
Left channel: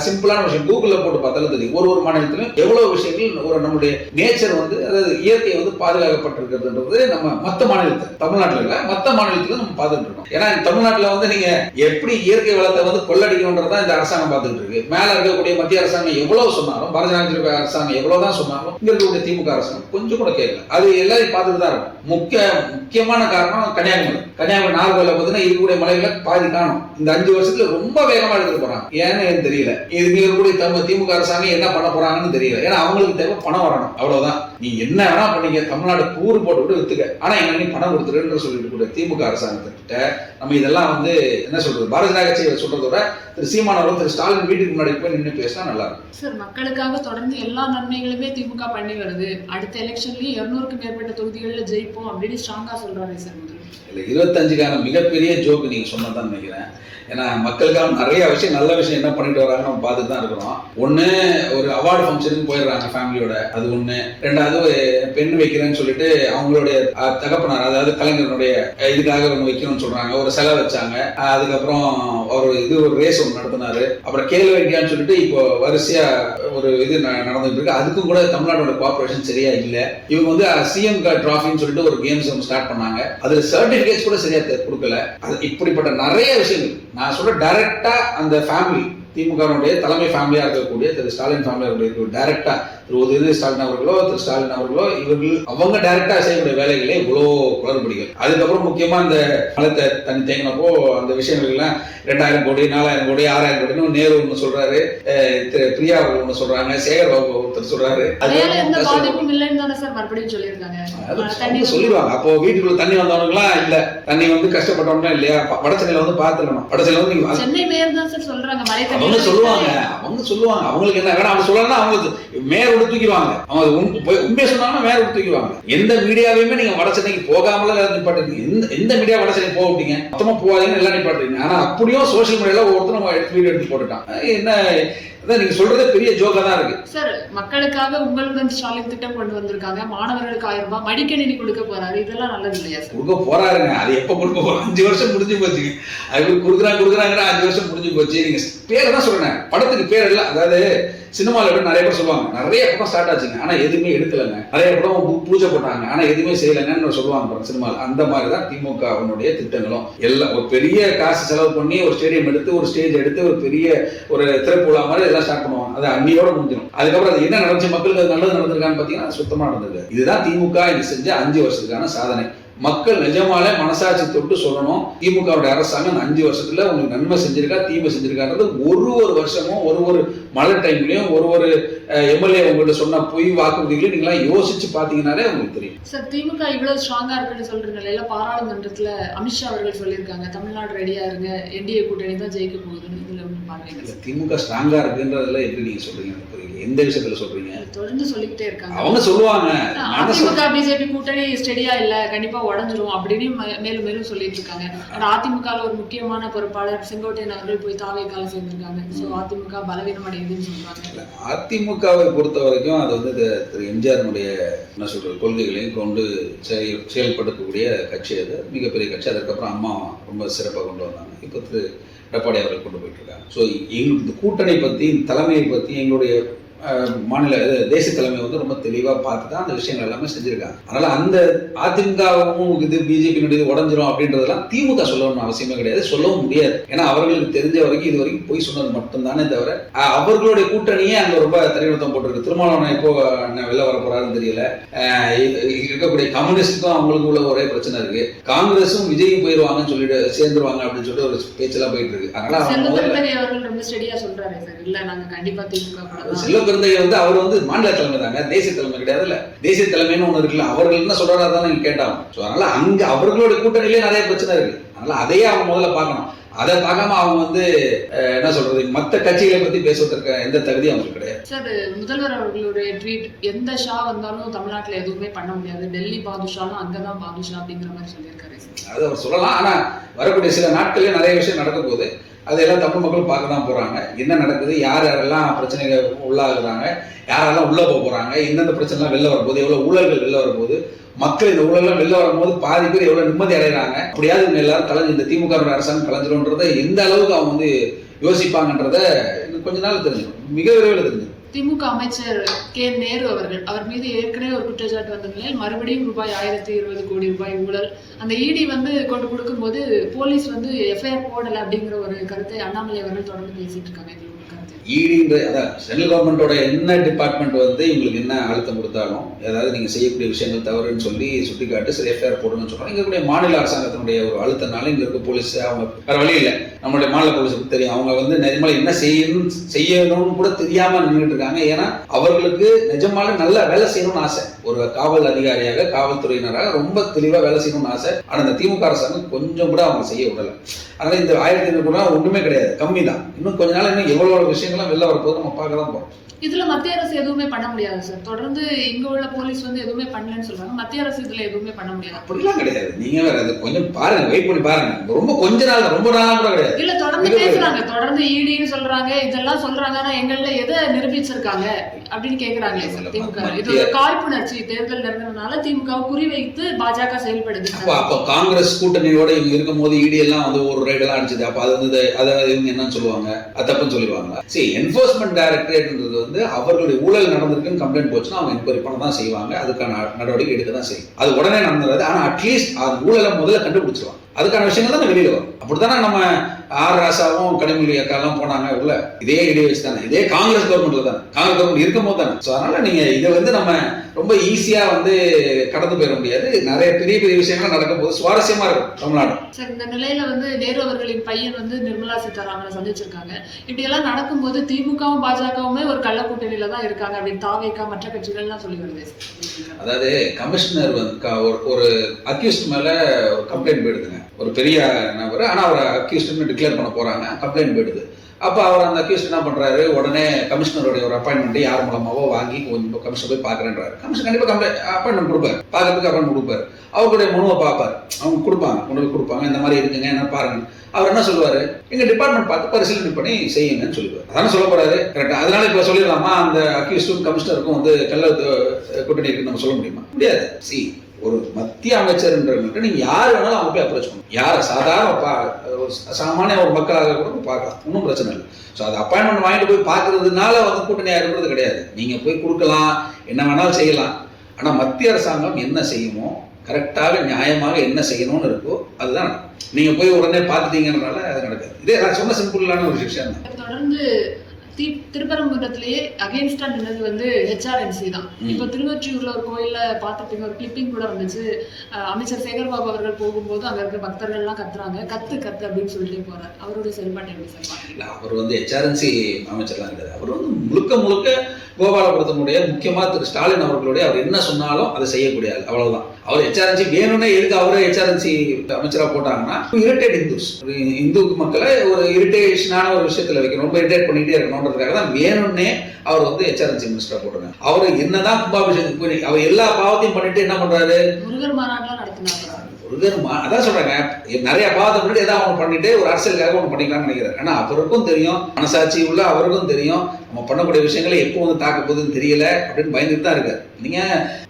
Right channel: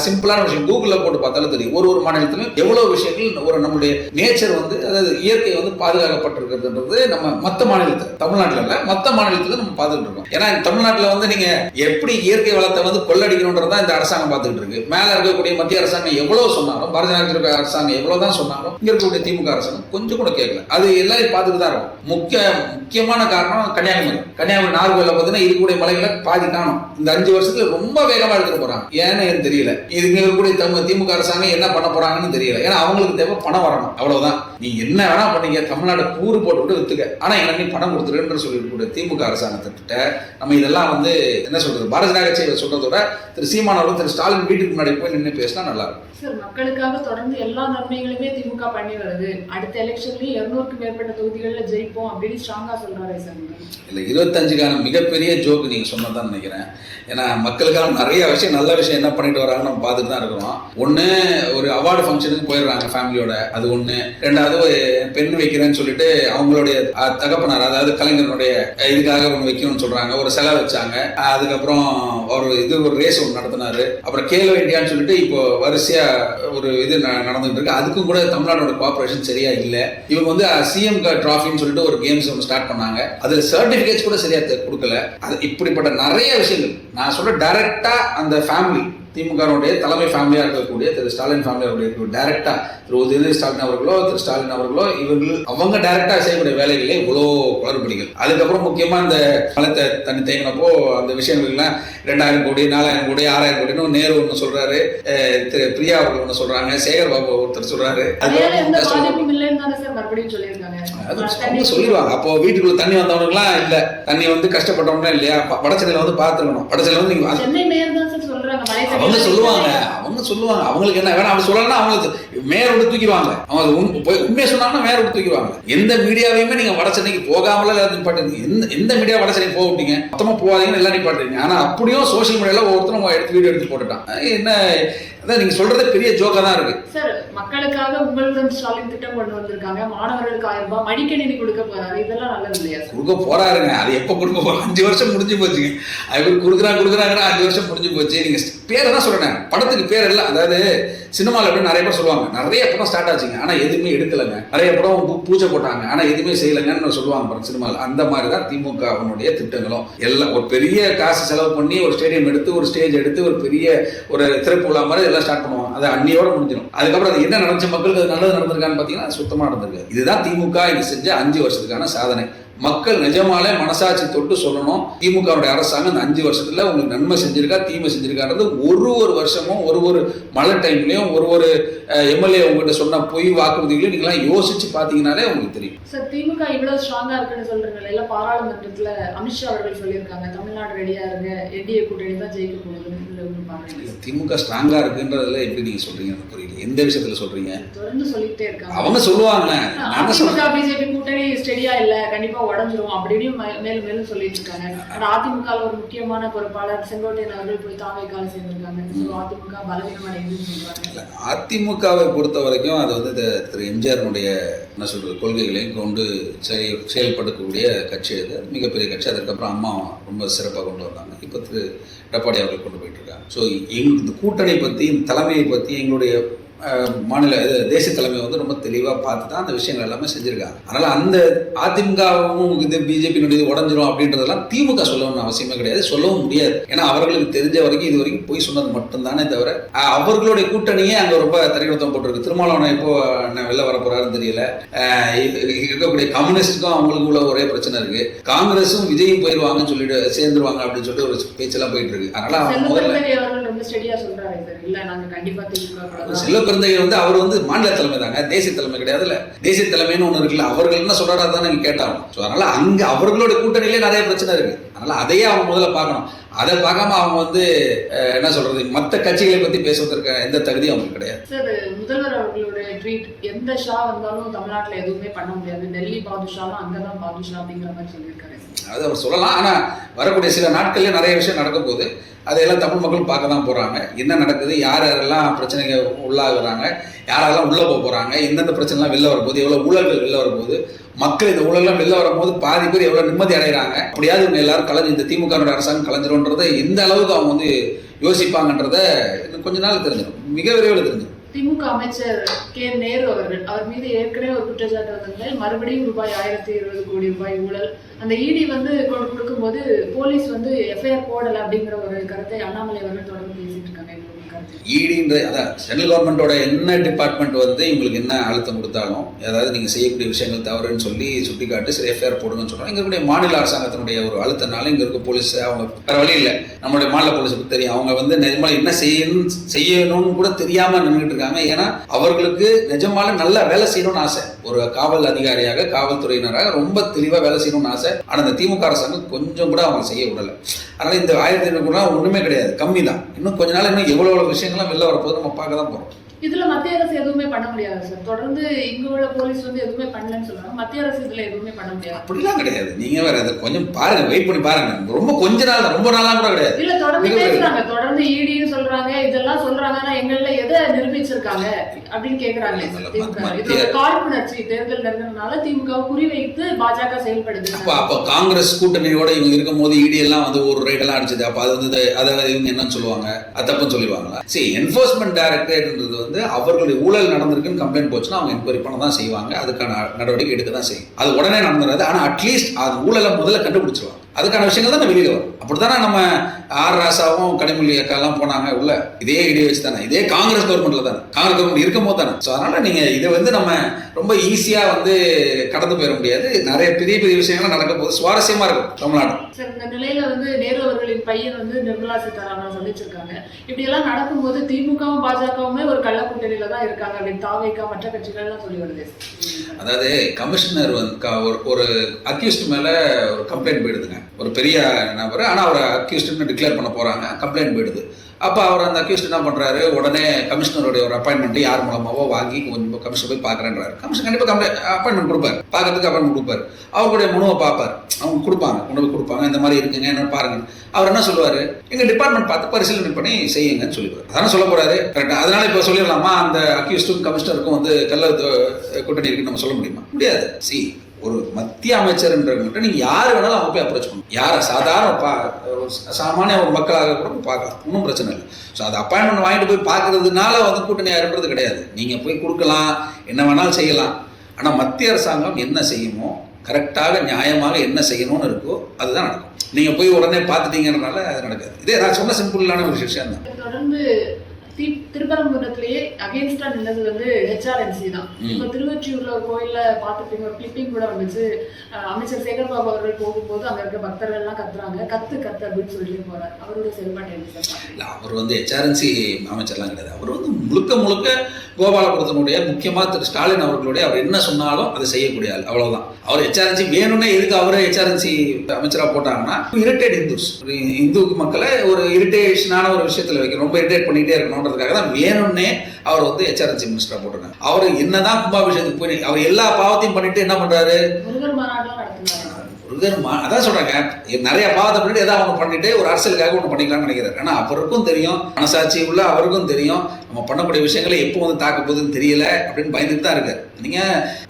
சிம்பிளான விஷயம் கூகுள்ல போட்டு பார்த்தாலே தெரியும். ஒரு மாநிலத்திலும் எவ்வளவு விஷயங்கள் ஒரு நம்முடைய நேச்சர் வந்து அதாவது இயற்கை வந்து பாதுகாக்கப்பட்டிருக்கிறதுன்றது நம்ம மற்ற மாநிலத்தில் தமிழ்நாட்டில் இல்ல மற்ற மாநிலத்தில் நம்ம பார்த்துட்டு இருக்கோம். ஏன்னா தமிழ்நாட்டில் வந்து நீங்க எப்படி இயற்கை வளத்தை வந்து கொள்ளடிக்கணும்ன்றதான் இந்த அரசாங்கம் பார்த்துட்டு இருக்கு. மேல இருக்கக்கூடிய மத்திய அரசாங்கம் எவ்வளவு சொன்னாலும், பாரதிய ஜனதா அரசாங்கம் எவ்வளவுதான் சொன்னாலும் இங்க இருக்கக்கூடிய திமுக அரசாங்கம் கொஞ்சம் கூட கேட்கல. அது எல்லாரும் பார்த்துட்டு தான் இருக்கும். முக்கியமான காரணம் கன்னியாகுமரி நாகர்கோவில பார்த்தீங்கன்னா இருக்கக்கூடிய மலைகளை பாதி காணும். இந்த 5 வருஷத்துல ரொம்ப வேகமா எடுத்துட்டு போறாங்க. ஏன்னு எனக்கு தெரியல. இது இருக்கக்கூடிய திமுக அரசாங்கம் என்ன பண்ண போறாங்கன்னு தெரியல. ஏன்னா அவங்களுக்கு தேவை பணம் வரணும், அவ்வளவுதான். நீ என்ன வேணா பண்ணீங்க, தமிழ்நாடு கூறு போட்டு விட்டு வித்துக்க, ஆனா என்ன நீ பணம் கொடுத்துருன்னு சொல்லிட்டு திமுக அரசாங்கத்திட்ட நம்ம இதெல்லாம் வந்து என்ன சொல்றது பாரதிய ஜனதா கட்சி சொல்றதோட திரு சீமானவர்களும் திரு ஸ்டாலின் வீட்டுக்கு முன்னாடி போய் நின்று பேசினா நல்லா இருக்கும். சார், மக்களுக்காக தொடர்ந்து எல்லா நன்மைகளுமே திமுக பண்ணி வருது. அடுத்த எலெக்ஷன்லயும் 200க்கும் மேற்பட்ட தொகுதிகளில் ஜெயிப்போம் அப்படின்னு ஸ்ட்ராங்கா சொல்றாரு சார். இல்ல 25க்கான மிகப்பெரிய ஜோக்கு நீங்க சொன்னதான் நினைக்கிறேன். ஏன்னா மக்களுக்கான நிறைய விஷயம் நல்ல விஷயம் என்ன பண்ணிட்டு வராங்கன்னு நம்ம பார்த்துட்டு தான் இருக்கிறோம். ஒன்று ஒரு அவார்டு ஃபங்க்ஷனுக்கு போயிடுறாங்க ஃபேமிலியோட, அது ஒன்று. ரெண்டாவது பெண் வைக்கிறேன்னு சொல்லிட்டு அவங்களுடைய தகப்பனார் அதாவது கலைஞருடைய இதுக்காக ஒன்று வைக்கணும்னு சொல்றாங்க, ஒரு செலவு வச்சாங்க. அதுக்கப்புறம் ஒரு ரேஸ் ஒன்று நடத்தினாரு. அப்புறம் கேலோ இந்தியான்னு சொல்லிட்டு இப்போ வரிசையா ஒரு இது நடந்துட்டு இருக்கு. அதுக்கும் கூட தமிழ்நாடோட கோஆபரேஷன் சரியா இல்லை. இவங்க வந்து சிஎம் டிராஃபின்னு சொல்லிட்டு ஒரு கேம்ஸ் ஒன்று ஸ்டார்ட் பண்ணாங்க. அதுல சர்டிபிகேட்ஸ் கூட சரியா கொடுக்கல. அது இப்படிப்பட்ட நிறைய விஷயங்கள் நான் சொல்ற டைரக்டா அந்த ஃபேமிலி திமுகவுடைய தலைமை ஃபேமிலியா இருக்கக்கூடிய திரு ஸ்டாலின் ஃபேமிலியா டைரக்டா திரு உதயநிதி ஸ்டாலின் அவர்களோ திரு ஸ்டாலின் அவர்களோ அவங்க டைரக்டா செய்யக்கூடிய வேலைகளே இவ்வளோ குளறுபடிகள். அதுக்கப்புறம் முக்கியமா அந்த மலத்தை தண்ணி தேங்கினப்போ அந்த விஷயங்கள் எல்லாம் 2000 கோடி 4000 கோடி 6000 கோடின்னு நேரு ஒன்று சொல்றாரு, திரு பிரியா அவர்கள் ஒன்று சொல்றாங்க, சேகர் பாபு ஒருத்தர் சொல்றாரு. சொல்லிடுவாங்க. அப்போ வீட்டுக்குள்ள தண்ணி வந்தவனுக்குலாம் இல்ல, தண்ணி வந்து கஷ்டப்பட்டவங்க இல்லையா, வடச்சென்னையில வந்து பாத்துக்கணும். வடச்சென்னையில வந்து நீங்க அவங்க சொல்லுவாங்க அவங்களுக்கு என்ன வேணா அவங்க சொல்லலாம், அவங்க மேயரோட தூக்கிடுவாங்க. அவங்க உண்மையை சொன்னாங்கன்னா மேயரோட தூக்கிடுவாங்க. எந்த மீடியாவையுமே நீங்க வடச்சென்னைக்கு போகாமல நிப்பாட்டுறீங்க. எந்த மீடியா வடச்சென்னைக்கு போக விட்டீங்க, மொத்தமா போவாதீங்கன்னு எல்லாம் நிப்பாட்டுறீங்க. ஆனா அப்படியும் சோசியல் மீடியால ஒவ்வொருத்தரும் வீடியோ எடுத்து போட்டுட்டான். என்ன அதான் நீங்க சொல்றதே பெரிய ஜோக்கா தான் இருக்கு சார். மக்களுக்காக உங்களுடன் ஸ்டாலின் திட்டம் கொண்டு வந்திருக்காங்க. மாணவர்களுக்கு 1000 ரூபாய் மடிக்கணினி கொடுக்க போறாரு. இதெல்லாம் நல்லது இல்லையா சார்? கொடுக்க போறாருங்க. அது எப்ப கொடுக்க போறோம்? 5 வருஷம் முடிஞ்சு போச்சுங்க. அது கொடுக்குறாங்க 5 வருஷம் முடிஞ்சு போச்சு. நீங்க பேர் தான் சொல்றேன், படத்துக்கு பேர் இல்ல. அதாவது சினிமாவில் எப்படி நிறைய பேர் சொல்லுவாங்க, நிறைய படம் ஸ்டார்ட் ஆச்சுங்க ஆனா எதுவுமே எடுக்கலைங்க, நிறைய படம் பூஜை போட்டாங்க ஆனா எதுவுமே செய்யலைங்கன்னு சொல்லுவாங்க சினிமாவில். அந்த மாதிரி தான் திமுகவினுடைய திட்டங்களும் எல்லாம். ஒரு பெரிய காசு செலவு பண்ணி ஒரு ஸ்டேடியம் எடுத்து, ஒரு ஸ்டேஜ் எடுத்து, ஒரு பெரிய ஒரு திரைப்பட மாதிரி எல்லாம் ஸ்டார்ட் பண்ணுவாங்க. அது அன்னியோட முடிஞ்சிடும். அதுக்கப்புறம் அது என்ன நடந்துச்சு, மக்களுக்கு நல்லது நடந்திருக்கான்னு பாத்தீங்கன்னா சுத்தமா நடந்திருக்கு. இதுதான் திமுக இது செஞ்ச 5 வருஷத்துக்கான சாதனை. மக்கள் நிஜமாலே மனசாட்சி தொட்டு சொல்லணும், திமுகவுடைய அரசாங்கம் இந்த 5 வருஷத்துல உங்களுக்கு நன்மை செஞ்சிருக்கா தீமை செஞ்சிருக்கான்றது ஒரு வருஷமும் ஒரு மழை டைம்லயும் ஒரு எம்எல்ஏ உங்ககிட்ட சொன்ன பொய் வாக்குறுதிகளையும் நீங்களா யோசிச்சு பாத்தீங்கன்னாலே உங்களுக்கு தெரியும். சார், திமுக இவ்வளவு ஸ்ட்ராங்கா இருக்குன்னு சொல்ற நிலையில பாராளுமன்றத்துல அமித்ஷா அவர்கள் சொல்லியிருக்காங்க, தமிழ்நாடு ரெடியா இருங்க, என்டிஏ கூட்டணி தான் ஜெயிக்க போகுதுன்னு. இதுல ஒண்ணு பாருங்க, திமுக ஸ்ட்ராங்கா இருக்குன்றதுல எப்படி நீங்க சொல்றீங்க புரியல. எந்த விஷயத்துல சொல்றீங்க? தொடர்ந்து சொல்லிட்டே இருக்காங்க. அவங்க சொல்லுவாங்க அதிமுக பிஜேபி கூட்டணி ஸ்டெடியா இல்ல, கண்டிப்பா உடஞ்சிரும் அப்படின்னு மேலும் மேலும் சொல்லிட்டு இருக்காங்க. ஆனா அதிமுக ஒரு முக்கியமான பொறுப்பாளர் செங்கோட்டையன் அவர்கள் போய் தாவேக்கால சேர்ந்திருக்காங்க. அதிமுக பலவீனம் அடையுதுன்னு சொல்றாங்க. அதிமுகவை பொறுத்த வரைக்கும் அது வந்து திரு எம்ஜிஆருடைய என்ன சொல்றது கொள்கைகளையும் கொண்டு செயல்படுத்தக்கூடிய கட்சி. அது மிகப்பெரிய கட்சி. அதுக்கப்புறம் அம்மா ரொம்ப சிறப்பாக கொண்டு வந்தாங்க. இப்போ திரு எடப்பாடி அவர்கள் கொண்டு போயிட்டு இருக்காங்க. ஸோ இந்த கூட்டணி பற்றி, தலைமையை பற்றி எங்களுடைய மாநில தேசிய தலைமை வந்து ரொம்ப தெளிவாக பார்த்து தான் அந்த விஷயங்கள் எல்லாமே செஞ்சிருக்காங்க. அதனால அந்த அதிமுகவும் இது பிஜேபியினுடைய உடஞ்சிரும் அப்படின்றதெல்லாம் திமுக சொல்லணும்னு அவசியமே கிடையாது, சொல்லவும் முடியாது. ஏன்னா அவர்களுக்கு தெரிஞ்ச வரைக்கும் இது வரைக்கும் போய் சொன்னது மட்டும்தானே தவிர அவர்களுடைய கூட்டணியே அங்கே ரொம்ப தனிநடத்தம் போட்டிருக்கு. திருமாவளவன் இப்போ வெளில வர போறாருன்னு தெரியல. இருக்கக்கூடிய கம்யூனிஸ்டுக்கும் அவங்களுக்கு உள்ள ஒரே பிரச்சனை இருக்கு. காங்கிரஸும் விஜயும் போயிடுவாங்கன்னு சொல்லிட்டு சேர்ந்துருவாங்க அப்படின்னு சொல்லிட்டு ஒரு பேச்செல்லாம் போயிட்டு இருக்கு. அதனால வந்து அவர் வந்து மாநில தலைமை தாங்க, தேசிய தலைமை கிடையாதுல்ல. தேசிய தலைமைன்னு ஒண்ணு இருக்குல்ல, அவர்கள் என்ன சொல்றாரா தான் நீங்க கேட்டாங்க. அதனால அங்க அவர்களோட கூட்டணியிலே நிறைய பிரச்சனை இருக்கு. அதனால அதையே அவங்க முதல்ல பார்க்கணும். அதை பார்க்காம அவங்க வந்து என்ன சொல்றது, மற்ற கட்சிகளை பத்தி பேசுவதற்கு எந்த தகுதியும் அவங்களுக்கு கிடையாது. சார், முதல்வர் அவர்களுடைய ட்வீட், எந்த ஷா வந்தாலும் தமிழ்நாட்டில் எதுவுமே பண்ண முடியாது, டெல்லி பாதுஷாலும் அங்கதான் பாதுஷா அப்படிங்கிற மாதிரி சொல்லியிருக்காரு. அது அவர் சொல்லலாம். ஆனா வரக்கூடிய சில நாட்கள்ல நிறைய விஷயம் நடக்க போகுது. அதையெல்லாம் தமிழ் மக்கள் பார்க்க தான் போறாங்க. என்ன நடக்குது, யாரெல்லாம் பிரச்சனைகள் உள்ளாகுறாங்க, யாரெல்லாம் உள்ள போறாங்க, எந்தெந்த பிரச்சனைலாம் வெளில வரப்போகுது, எவ்வளவு ஊழல்கள் வெளில வரப்போகுது, மக்கள் இந்த ஊழல்லாம் வெளில வரும்போது பாதி பேர் எவ்வளவு நிம்மதி அடைகிறாங்க, அப்படியாவது எல்லாரும் கலைஞ்சு இந்த திமுக அரசாங்கம் கலைஞ்சிரும்ன்றதை எந்த அளவுக்கு அவங்க வந்து யோசிப்பாங்கன்றத இன்னும் கொஞ்ச நாள் தெரிஞ்சிடும், மிக விரைவில் தெரிஞ்சிடும். திமுக அமைச்சர் கே நேரு அவர் மீது ஏற்கனவே ஒரு குற்றச்சாட்டு வந்த நிலையில் மறுபடியும் ரூபாய் 1020 கோடி ரூபாய் ஊழல், அந்த இடி வந்து கொண்டு கொடுக்கும்போது போலீஸ் வந்து எஃப்ஐஆர் போடலை அப்படிங்கிற ஒரு கருத்தை அண்ணாமலை அவர்கள் தொடர்ந்து பேசிட்டு இருக்காங்க. ஈடின்ற சென்ட்ரல் கவர்மெண்டோட என்ன டிபார்ட்மெண்ட் வந்து இவங்களுக்கு என்ன அழுத்தம் கொடுத்தாலும், அதாவது நீங்கள் செய்யக்கூடிய விஷயங்கள் தவறுன்னு சொல்லி சுட்டி காட்டி சரி எஃப்ஐஆர் போடுங்கன்னு சொல்கிறாங்க. இங்கே இருக்கக்கூடிய மாநில அரசாங்கத்தினுடைய ஒரு அழுத்தனால இங்கே இருக்க போலீஸ் அவங்க வேறு வழி இல்லை, நம்மளுடைய மாநில போலீஸுக்கு தெரியும். அவங்க வந்து நிஜமாக என்ன செய்யணும்னு கூட தெரியாமல் நின்றுட்டு இருக்காங்க. ஏன்னா அவர்களுக்கு நிஜமால நல்லா வேலை செய்யணும்னு ஆசை. ஒரு காவல் அதிகாரியாக, காவல்துறையினராக ரொம்ப தெளிவாக வேலை செய்யணும்னு ஆசை. ஆனால் இந்த திமுக அரசாங்கம் கொஞ்சம் கூட அவங்க செய்ய விடலை. அதனால் இந்த 1500 ஒன்றுமே கிடையாது, கம்மி தான். இன்னும் கொஞ்ச நாள் இன்னும் எவ்வளோ விஷயங்கள்லாம் வெளில வரப்போது நம்ம பார்க்க தான் போகிறோம். இதுல மத்திய அரசு எதுவுமே பண்ண முடியாது சார். தொடர்ந்து இங்க உள்ள போலீஸ் வந்து எதுவுமே பண்ணலன்னு சொல்றாங்க. மத்திய அரசு இதுல எதுவுமே பண்ண முடியாது. அப்படிலாம் கிடையாது. நீங்க வேற அது கொஞ்சம் பாருங்க, வெயிட் பண்ணி பாருங்க. ரொம்ப கொஞ்ச நாள், ரொம்ப நாளா கூட கிடையாது. இல்ல, தொடர்ந்து பேசுறாங்க, தொடர்ந்து ஈடின்னு சொல்றாங்க, இதெல்லாம் சொல்றாங்க. ஆனா எங்கள்ல எதை நிரூபிச்சிருக்காங்க அப்படின்னு கேக்குறாங்களே சார் திமுக. இது ஒரு காழ்ப்புணர்ச்சி. தேர்தல் நெருங்கினால திமுக குறிவைத்து பாஜக செயல்படுது. அப்ப காங்கிரஸ் கூட்டணியோட இவங்க இருக்கும் போது இடி எல்லாம் வந்து ஒரு ரைட் எல்லாம் அடிச்சது. அப்ப அது வந்து அதை இவங்க என்னன்னு சொல்லுவாங்க, அது தப்புன்னு சொல்லிடுவாங்களா? சரி, என்ஃபோர்ஸ்மெண்ட் டைரக்டரேட்ன்றது வந்து அவர்களுடைய ஊழல் நடந்திருக்குன்னு கம்ப்ளைண்ட் போச்சுன்னா அவங்க என்கொயரி பண்ண தான் செய்வாங்க, அதுக்கான நடவடிக்கை எடுக்க தான் செய்யும். அது உடனே நடந்துடாது. ஆனா அட்லீஸ்ட் அது ஊழலை முதல்ல கண்டுபிடிச்சிருவாங்க. அதுக்கான விஷயங்கள் தான் வெளியில வரும். அப்படித்தானே நம்ம ஆர் ராசாவும் கனிமொழி அக்காலாம் போனாங்க உள்ள, இதே இடையே வச்சு தானே, இதே காங்கிரஸ் கவர்மெண்ட்ல தானே, காங்கிரஸ் கவர்மெண்ட் இருக்கும் போது தானே. ஸோ அதனால நீங்க இதை வந்து நம்ம ரொம்ப ஈஸியா வந்து கடந்து போயிட முடியாது. நிறைய பெரிய பெரிய விஷயங்கள்லாம் நடக்க போது சுவாரஸ்யமா இருக்கும் தமிழ்நாடு. சார் இந்த நிலையில வந்து நேரு அவர்களின் பையன் வந்து நிர்மலா சீதாராமனை சந்திச்சிருக்காங்க. இப்படி எல்லாம் நடக்கும்போது திமுகவும் பாஜகவுமே ஒரு கள்ள கூட்டணியில தான் இருக்காங்க அப்படின்னு தாவேகா மற்ற கட்சிகள்லாம் சொல்லி வருது. அதாவது கமிஷனர் வந்து ஒரு அக்யூஸ்ட் மேல ஒரு கம்ப்ளைண்ட் போயிடுதுங்க, ஒரு பெரிய நபர், ஆனால் அவர் அக்யூஸ்ட்னு டிக்ளேர் பண்ண போறாங்க, கம்ப்ளைண்ட் போயிடுது. அப்போ அவர் அந்த அக்யூஸ்ட் என்ன பண்ணுறாரு, உடனே கமிஷனருடைய ஒரு அப்பாயின்மெண்ட் யார் மூலமாவோ வாங்கி கொஞ்சம் கமிஷனர் போய் பார்க்குறேன்றாரு. கமிஷனர் கண்டிப்பாக அப்பாயின்மெண்ட் கொடுப்பார், பார்க்கறதுக்கு அப்பாயின்மெண்ட் கொடுப்பார், அவருடைய மனுவை பார்ப்பார், அவங்க கொடுப்பாங்க, கொண்டு போய் கொடுப்பாங்க, இந்த மாதிரி இருக்குங்க என்ன பாருங்க. அவர் என்ன சொல்லுவார், எங்கள் டிபார்ட்மெண்ட் பார்த்து பரிசீலனை பண்ணி செய்யுங்கன்னு சொல்லிடுவார். அதான சொல்ல போறாரு. கரெக்டாக. அதனால இப்போ சொல்லிடலாமா அந்த அக்யூஸ்டும் கமிஷனருக்கும் வந்து கள்ள கூட்டணி இருக்குன்னு நம்ம சொல்ல முடியுமா? முடியாது. ஒரு மத்திய அமைச்சர்ன்ற நீங்க யார் வேணாலும் அவங்க போய் அப்ரோச் பண்ணணும். யாரை சாதாரண சாமானிய ஒரு மக்களாக கூட பார்க்கலாம், ஒன்றும் பிரச்சனை இல்லை. ஸோ அது அப்பாயின்மெண்ட் வாங்கிட்டு போய் பார்க்கறதுனால வந்து கூட்டணி யாருன்றது கிடையாது. நீங்க போய் கொடுக்கலாம், என்ன வேணாலும் செய்யலாம். ஆனால் மத்திய அரசாங்கம் என்ன செய்யுமோ, கரெக்டாக நியாயமாக என்ன செய்யணும்னு இருக்கோ அதுதான் நடக்கும். நீங்க போய் உடனே பார்த்துட்டீங்கன்றனால அது நடக்காது. இதே நான் சொன்ன சிம்பிளான ஒரு விஷயம் தான். தொடர்ந்து திருப்பரங்குன்றத்திலேயே அகேன்ஸ்டா நின்னது வந்து HRNC தான். இப்போ திருவொற்றியூர்ல ஒரு கோயில்ல பார்த்துட்டு ஒரு கிளிப்பிங் கூட வந்துச்சு. அமைச்சர் சேகர்பாபு அவர்கள் போகும்போது அங்க இருக்க பக்தர்கள் எல்லாம் கத்துறாங்க, கத்து அப்படின்னு சொல்லிட்டு போறாரு. அவரோட செயல்பாட்டை எப்படி சார் பாக்குறீங்க? அவர் வந்து HRNC அமைச்சர்லாம் கிடையாது. அவர் வந்து முழுக்க கோபாலபுரத்தினுடைய முக்கியமா திரு ஸ்டாலின் அவர்களுடைய அவர் என்ன சொன்னாலும் அதை செய்யக்கூடிய ஆள், அவ்வளவுதான். அவர் HRNC வேணும்னே எதுக்கு அவரை HRNC அமைச்சராக போட்டாங்கன்னா, இரிட்டேட் இந்துஸ், இந்து மக்களை ஒரு இரிட்டேஷனான ஒரு விஷயத்துல வைக்கணும், ரொம்ப இரிட்டேட் பண்ணிட்டே இருக்கணும்ன்றதுக்காக தான் வேணும்னே அவர் வந்து HRNC மினிஸ்டரா போட்டாங்க. அவர் என்னதான் கும்பாபிஷேகத்துக்கு போய் அவர் எல்லா பாவத்தையும் பண்ணிட்டு என்ன பண்றாரு, முருகர் மாநாடுலாம் நடத்தினாரு. அதான் சொல்றாங்க, நிறைய பாவத்தை பண்ணிட்டு ஏதாவது அவங்க பண்ணிட்டு ஒரு அரசியலுக்காக ஒன்று பண்ணிக்கலாம்னு நினைக்கிறாரு. ஆனா அவருக்கும் தெரியும், மனசாட்சி உள்ள அவருக்கும் தெரியும், நம்ம பண்ணக்கூடிய விஷயங்களை எப்போ வந்து தாக்க போகுதுன்னு தெரியல அப்படின்னு பயந்துட்டு தான் இருக்காரு. நீங்க